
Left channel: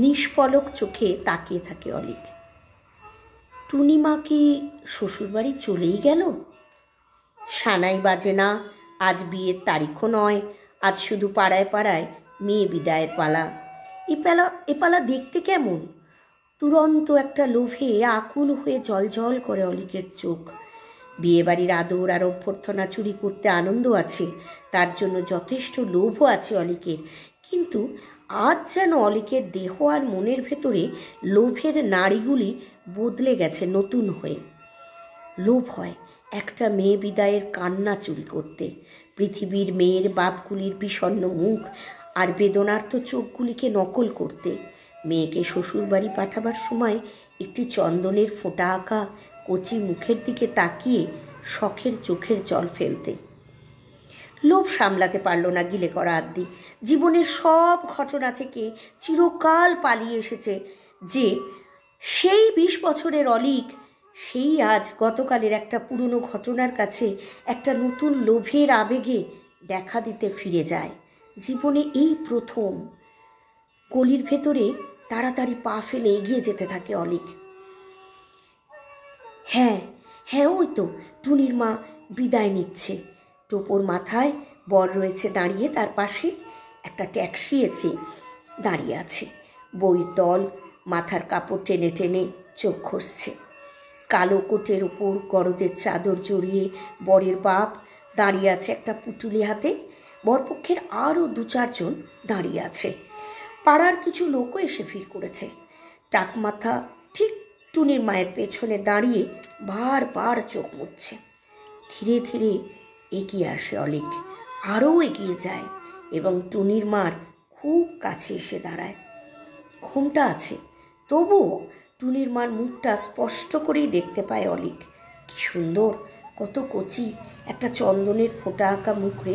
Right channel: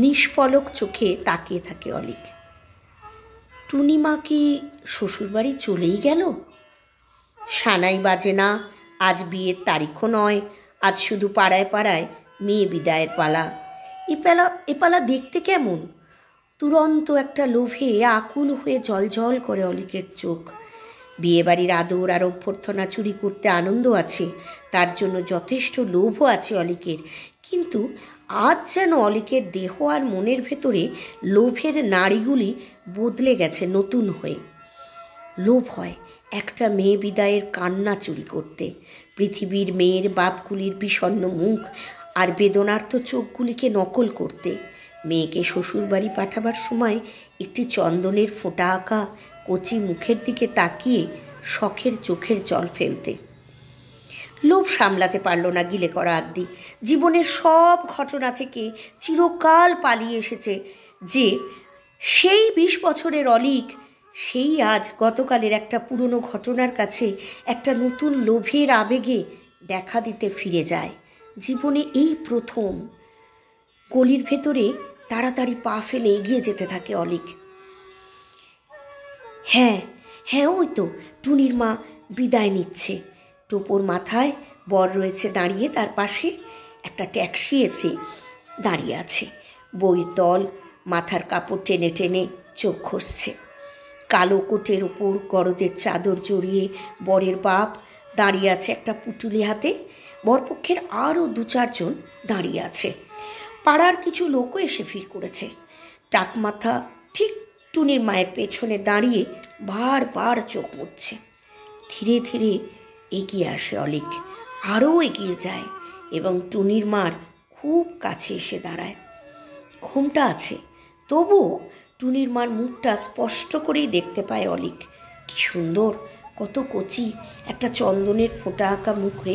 নিষ্পলক চোখে তাকিয়ে থাকে অলিক। টুনিমা কি শ্বশুরবাড়ি চলেই গেল? সানাই বাজে না, আজ বিয়ের তারিখও নয়, আজ শুধু পাড়ায় পাড়ায় মেয়ে বিদায়ের পালা। এপালা দেখতে কেমন? তুরন্ত একটা লোভে আকুল হয়ে জলজল করে অলিকের চোখ। বিয়েবাড়ির আদর আর অভ্যর্থনা চুরি করতে আনন্দ আছে, তার জন্য যথেষ্ট লোভও আছে অলিকের, কিন্তু আজ যেন অলিকের দেহ আর মনের ভেতরে লোভের নাড়িগুলি বদলে গেছে নতুন হয়ে। লোভ হয় একটা মেয়ে বিদায়ের কান্না চুরি করতে, পৃথিবীর মেয়ের বাপগুলির বিষণ্ণ মুখ আর বেদনার্ত চোখগুলিকে নকল করতে, মেয়েকে শ্বশুরবাড়ি পাঠাবার সময় একটি চন্দনের ফোঁটা আঁকা কচি মুখের দিকে তাকিয়ে শখের চোখের জল ফেলতে। লোভ সামলাতে পারল না গিলে করা আদ্যি। জীবনের সব ঘটনা থেকে চিরকাল পালিয়ে এসেছে যে সেই 20 বছরের অলিক, সেই আজ গতকালের একটা পুরনো ঘটনার কাছে একটা নতুন লোভের আবেগে দেখা দিতে ফিরে যায়। জীবনে এই প্রথম। গলির ভেতরে তাড়াতাড়ি পা ফেলে এগিয়ে যেতে থাকে অলিক। হ্যাঁ, ওই তো টুনির মা বিদায় নিচ্ছে। টোপর মাথায়, বর রয়েছে দাঁড়িয়ে তার পাশে। একটা ট্যাক্সি এসে দাঁড়িয়ে আছে। বইয়ের দল মাথার কাপড় টেনে টেনে চোখ ঘষছে। কালো কোটের ওপর গরদের চাদর জড়িয়ে বরের বাপ দাঁড়িয়ে আছে একটা পুটুলি হাতে। বরপক্ষের আরও 2-4 জন দাঁড়িয়ে আছে। পাড়ার কিছু লোকও এসে ভিড় করেছে। টাকমাথা ঠিক টুনির মায়ের পেছনে দাঁড়িয়ে বারবার চোখ মুছছে। ধীরে ধীরে এগিয়ে আসে অলিক, আরও এগিয়ে যায় এবং টুনির মার খুব কাছে এসে দাঁড়ায়। ঘোমটা আছে, তবুও টুনির মার মুখটা স্পষ্ট করেই দেখতে পায় অলিক। কি সুন্দর, কত কচি একটা চন্দনের ফোঁটা আঁকা মুখে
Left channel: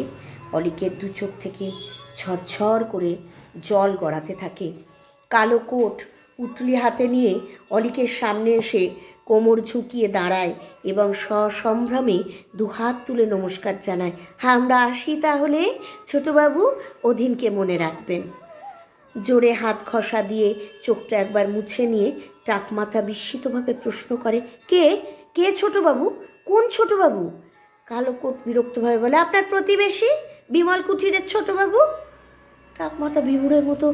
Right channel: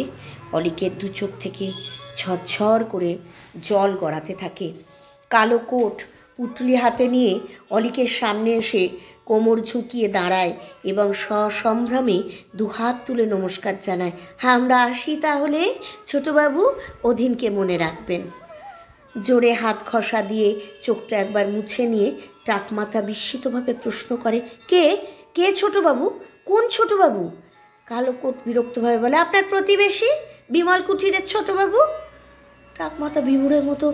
অলিকের দু চোখ থেকে ঝরঝর করে জল গড়াতে থাকে। কালো কোট পুটলি হাতে নিয়ে অলিকের সামনে এসে কোমর ঝুঁকিয়ে দাঁড়ায় এবং সসম্ভ্রমে দুহাত তুলে নমস্কার জানায়। হ্যাঁ, আমরা আসি তাহলে ছোটবাবু, অধীনকে মনে রাখবেন। জোরে হাত ঘষা দিয়ে চোখটা একবার মুছে নিয়ে টাকমাথা বিস্মিতভাবে প্রশ্ন করে, কে কে ছোটবাবু? কোন ছোটবাবু? কালো কোট বিরক্তভাবে বলে, আপনার প্রতিবেশী বিমল কুঠিরের ছোটবাবু। টাকমাথা বিমুড়ের মতো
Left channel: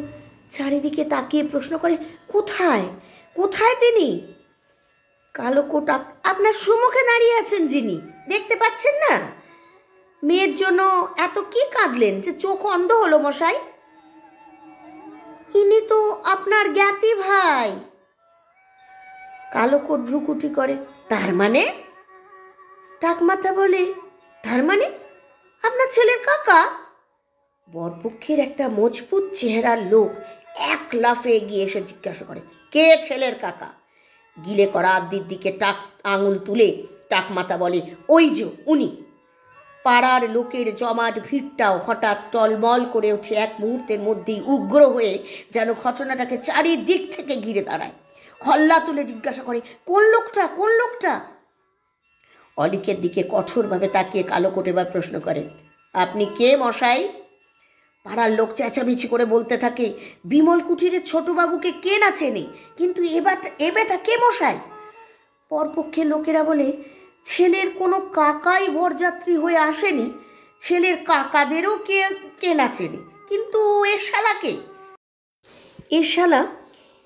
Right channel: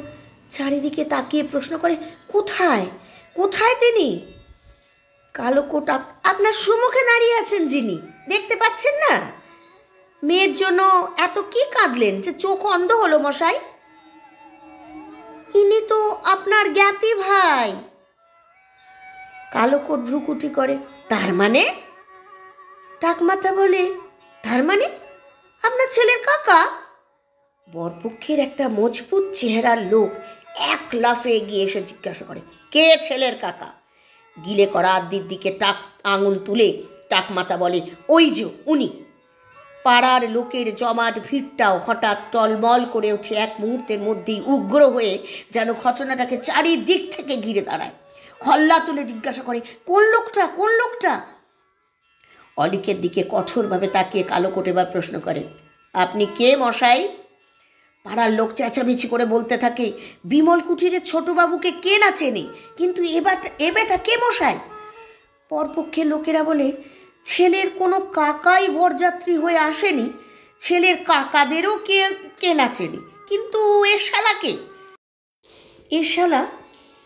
চারিদিকে তাকিয়ে প্রশ্ন করে, কোথায় কোথায় তিনি? কালো কোট, আপনার সম্মুখে দাঁড়িয়ে আছেন যিনি, দেখতে পাচ্ছেন না? মেয়ের জন্য এত কি কাঁদলেন যে চোখ অন্ধ হলো মশাই? ইনি তো আপনার জ্ঞাতি ভাই। কালো কোট ভ্রুকুটি করে, তার মানে? টাকমাথা বলে, তার মানে আপনার ছেলের কাকা? বরপক্ষের একটা মজবুত চেহারার লোক এক লাফে এগিয়ে এসে জিজ্ঞাসা করে, কে ছেলের কাকা? গিলে করা আদ্দির দিকে আঙুল তুলে টাকমাথা বলে, ওই যে উনি। পাড়ার লোকের জমাট ভিড়টাও হঠাৎ টলমল করে ওঠে এক মুহূর্তের মধ্যেই, উগ্র হয়ে যেন ঘটনাটাকে চারিদিক থেকে ঘিরে দাঁড়ায়। হল্লা তুলে জিজ্ঞাসা করে, কোন লোকটা কোন লোকটা? অলিকের দিকে কঠোরভাবে তাকিয়ে কালো কোট এবার প্রশ্ন করে, আপনি কে মশাই? পাড়ার লোক চেঁচামেচি করে বলতে থাকে, বিমল কুঠিরের ছোটবাবুকে কে না চেনে, কিন্তু এ বেটা কে মশাই? পরপক্ষের লোকেরা বলে, ছেলের কোনো কাকাই বরযাত্রী হয়ে আসেনি, ছেলের কাকাদেরও কে না চেনে, কিন্তু এ শালাকে? এ শালা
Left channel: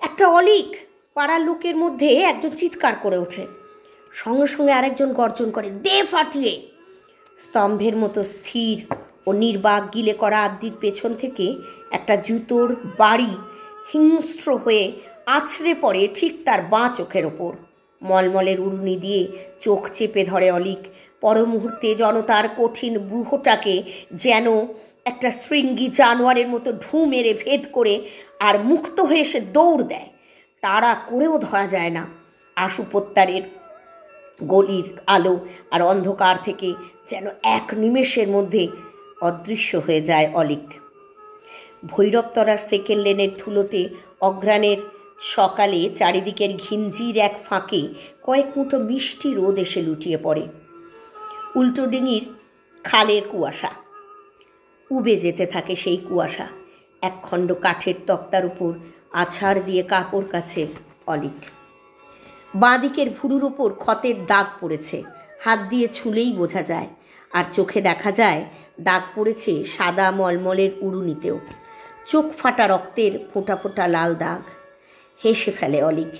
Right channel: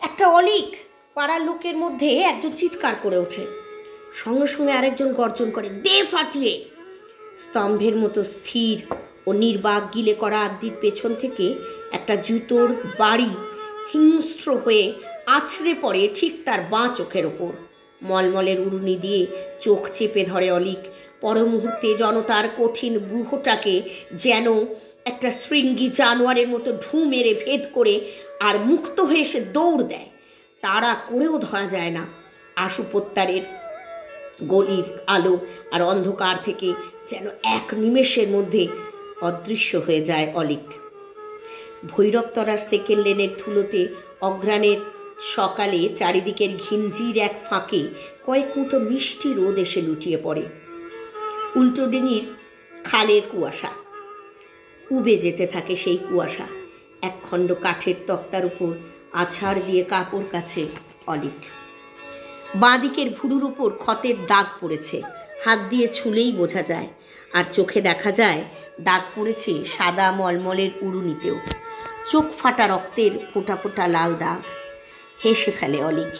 একটা অলিক। পাড়ার লোকের মধ্যে একজন চিৎকার করে ওঠে, সঙ্গে সঙ্গে আরেকজন গর্জন করে, দে ফাটিয়ে। স্তম্ভের মতো স্থির ও নির্বাক গিলে করা আদ্দির পেছন থেকে একটা জুতোর বাড়ি হিংস্র হয়ে আছড়ে পড়ে ঠিক তার বাঁ চোখের ওপর। মলমলের উড়ুনি দিয়ে চোখ চেপে ধরে অলিক। পর মুহূর্তে জনতার কঠিন ব্যূহটাকে যেন একটা শৃঙ্গী জানোয়ারের মতো ঢু মেরে ভেদ করে আর মুক্ত হয়ে সে দৌড় দেয়। তাড়া করেও ধরা যায় না। আশুপত্তারের গলির আলো আর অন্ধকার থেকে যেন এক নিমেষের মধ্যে অদৃশ্য হয়ে যায় অলিক। ভৈরবতলার সেকেন্ড লেনের ধুলোতে অঘ্রাণের সকালে চারিদিকের ঘিঞ্জির এক ফাঁকে কয়েক মুঠো মিষ্টি রোদ এসে লুটিয়ে পড়ে। উল্টো ডিঙির খালের কুয়াশা, উবে যেতে থাকে সেই কুয়াশা। একখণ্ড কাঠের তক্তার উপর আছাড় দিয়ে কাপড় কাছে অলিক। বাঁদিকের ভুরুর উপর ক্ষতের দাগ পড়েছে, হাত দিয়ে ছুলেই বোঝা যায়। আর চোখে দেখা যায় দাগ পড়েছে সাদা মলমলের উড়ুনিতেও, চোখ ফাটা রক্তের ফোঁটা ফোঁটা লাল দাগ। হেসে ফেলে অলিক।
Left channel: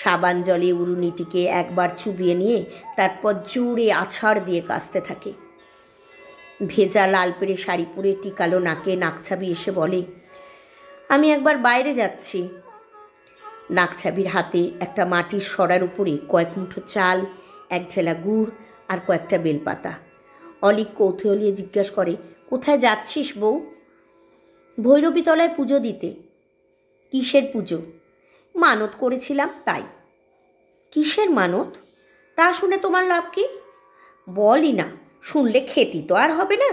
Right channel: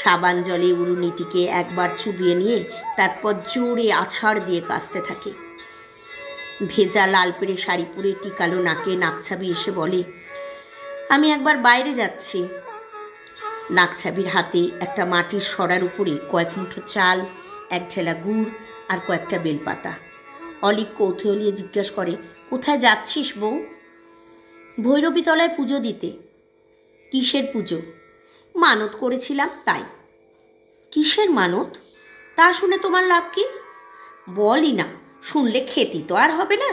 সাবান জলে উড়ুনিটিকে একবার চুবিয়ে নিয়ে তারপর জোরে আছাড় দিয়ে কাচতে থাকে। ভেজা লাল পেড়ে শাড়ি পরে টিকালো নাকে নাকছাবি এসে বলে, আমি একবার বাইরে যাচ্ছি। নাকছাবির হাতে একটা মাটির সরার উপরে কয়েক মুঠো চাল, এক ঢেলা গুড় আর কয়েকটা বেলপাতা। অলিক কৌতূহলিয়ে জিজ্ঞাসা করে, কোথায় যাচ্ছিস বউ? ভৈরবীতলায় পুজো দিতে। কিসের পুজো? মানত করেছিলাম তাই। কিসের মানত? তা শুনে তোমার লাভ কি? বলই না, শুনলে খেতি তো আর হবে না।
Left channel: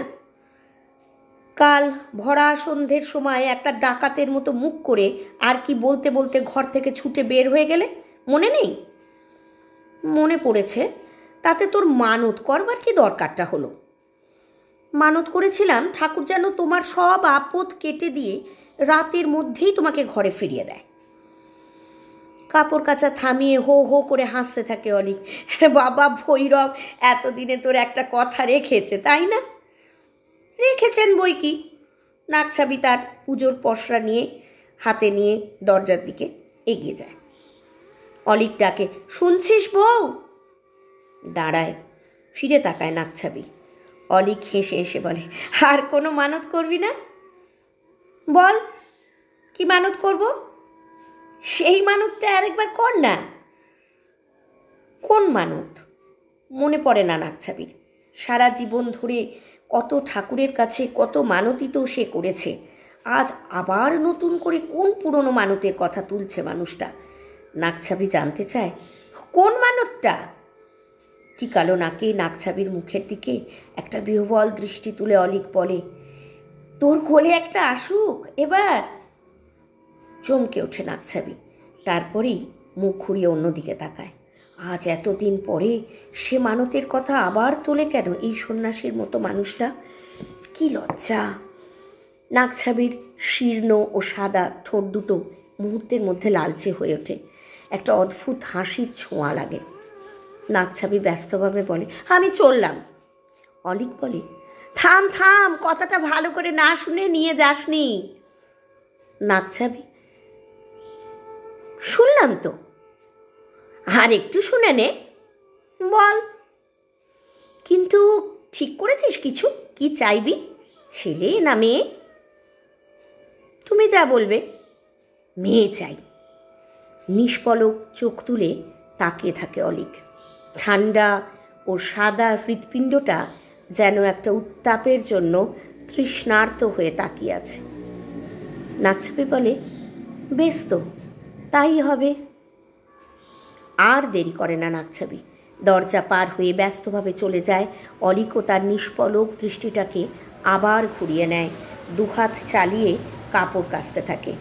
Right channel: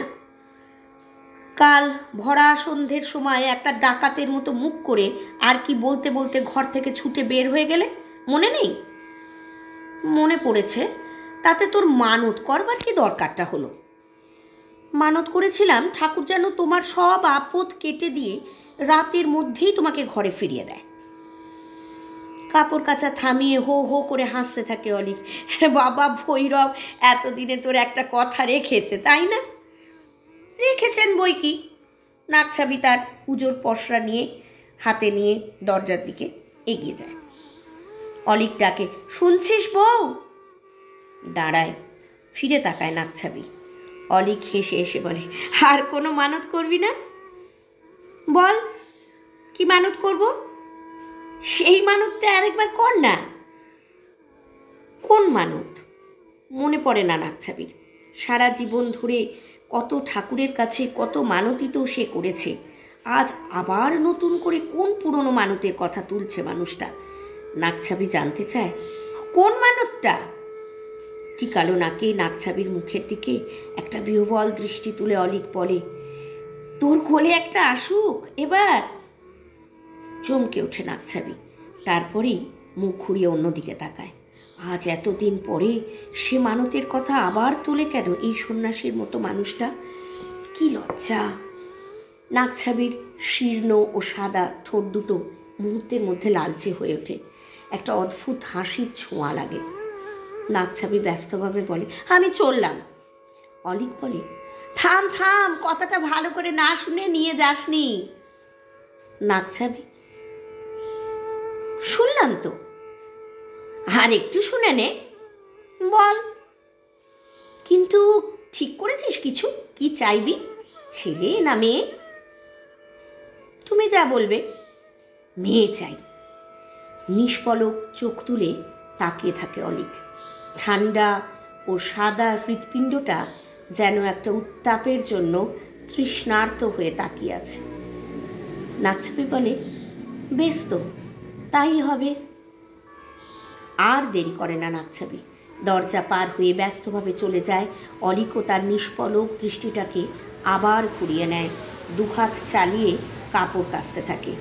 কাল ভরা সন্ধ্যের সময় একটা ডাকাতের মতো মুখ করে আর কি বলতে বলতে ঘর থেকে ছুটে বের হয়ে গেলে, মনে নেই? মনে পড়েছে। তাতে তোর মানত করবার কি দরকারটা হলো? মানত করেছিলাম ঠাকুর যেন তোমার সব আপদ কেটে দিয়ে রাতের মধ্যেই তোমাকে ঘরে ফিরিয়ে দেয়। কাপড় কাচা থামিয়ে হো হো করে হাসতে থাকে অলিক। বাবা ভৈরব এতদিনে তোর একটা কথা রেখেছে, তাই না? রেখেছেন বই কি। নাকছাবি তার পুজোর পসরা নিয়ে হাতে নিয়ে দরজার দিকে এগিয়ে যায়। অলিক ডাকে, শুনছিস বউ? দাঁড়ায়, ফিরে তাকায় নাকছাবি। অলিক হেসে এসে বলে, আর কোনো মানত করবি না? বল, কি মানত করব? সেই মানতটা আরেকবার কর না। কোন মানত? মনে পড়ে না নাকছাবির। সারা জীবন ধরে কত ঠাকুরের কাছে কত মানতই তো সে করেছে। আজ আবার নতুন করে কোন পুরনো মানতের কথা তুলছে মানুষটা? নাকছাবি জানতে চায় কোন মানতটা। কি কালো নাকে নাকছাবির মুখের দিকে একটা বিহ্বল দৃষ্টি তুলে অলিক বলে, তোর কোলে একটা আসুক এবার। চমকে ওঠে নাকছাবি, তারপরেই মুখ ঘুরিয়ে অন্যদিকে তাকায়। আজ এতদিন পরে সে মানতের কথা আবার তোলে কেন এই সন্ন্যাসীর মতো মানুষটা? কি লজ্জা! নাকছাবির শীর্ণ ও সাদা ঠোঁট দুটো মুহূর্তের মধ্যে লালচে হয়ে ওঠে। একটা অদ্ভুত হাসির ছোঁয়া লাগে। নাকছাবি ব্যস্তভাবে বলে, আমি চললাম। অলিক বলে, থাম থাম, কথাটা ভালো করে না শুনে নিয়ে যাসনি। নাকছাবি, শুনলাম তো, আর একটু শুনে নে। বল, কিন্তু ঠিক করেছিস কিছু? কি চাইবি, ছেলে না মেয়ে? তুমি যা বলবে। মেয়ে চাই। নিষ্পলক চোখ তুলে তাকিয়ে থাকে অলিক। ঠান্ডা ও সাদা হৃৎপিণ্ডটা যেন একটা উত্তাপের জন্য তৃষ্ণার্ত হয়ে তাকিয়ে আছে। নাকছাবি বলে, বেশ তো, তাই হবে। আর দেরি করে না নাকছাবি। দরজা পার হয়ে ব্যস্তভাবে চলে যায়। অলিকও তার নিষ্পলক দৃষ্টিটাকে আবার ঘুরিয়ে নেয়। দুহাত চালিয়ে কাপড় কাচতে থাকে।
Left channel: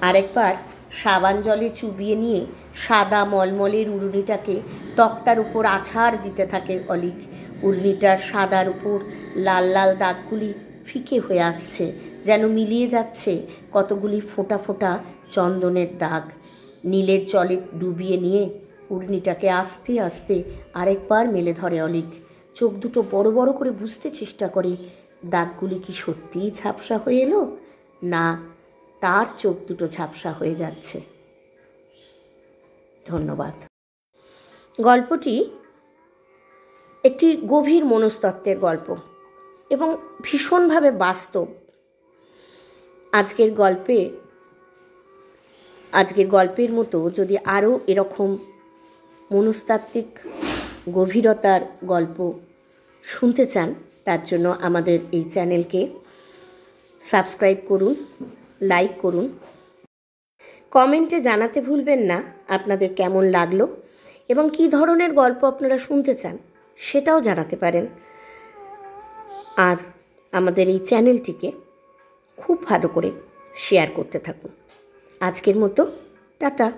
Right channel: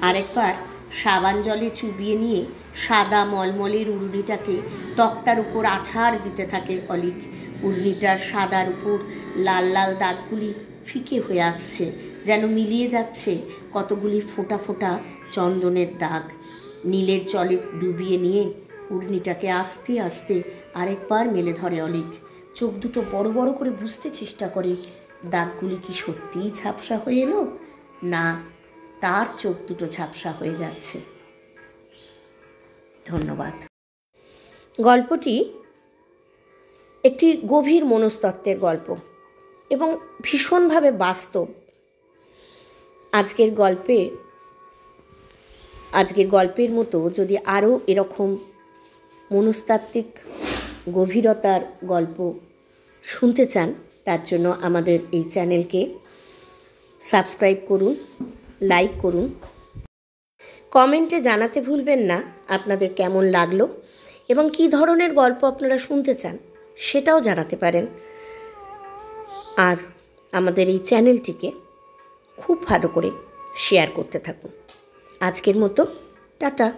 আরেকবার সাবান জলে চুবিয়ে নিয়ে সাদা মলমলের উড়নিটাকে তক্তার উপর আছাড় দিতে থাকে অলিক। উড়নিটার সাদার উপর লাল লাল দাগগুলি ফিকে হয়ে আসছে, যেন মিলিয়ে যাচ্ছে কতগুলি ফোঁটা ফোঁটা চন্দনের দাগ। নীলের জলে ডুবিয়ে নিয়ে উড়নিটাকে আস্তে আস্তে আরেকবার মেলে ধরে অলিক। চোখ দুটো বড় বড় করে বুঝতে চেষ্টা করে দাগগুলি কি সত্যিই ঝাপসা হয়ে এলো, না তার চোখ দুটো ঝাপসা হয়ে যাচ্ছে। ধন্যবাদ। গল্পটি একটি গভীর মনস্তত্ত্বের গল্প এবং ভীষণভাবে বাস্তব। আজকের গল্পের মতো যদি আরও এরকম মনস্তাত্ত্বিক গভীরতার গল্প শুনতে চান, তার জন্য আমাদের এই চ্যানেলকে সাবস্ক্রাইব করুন, লাইক করুন, কমেন্টে জানাতে ভুলবেন না আপনাদের কেমন লাগলো এবং কী ধরনের গল্প আপনারা শুনতে চান সেটাও জানাতে পারেন। আর আমাদের এই চ্যানেলটিকে খুব ভালো করে শেয়ার করতে থাকুন। আজকের মতো টাটা।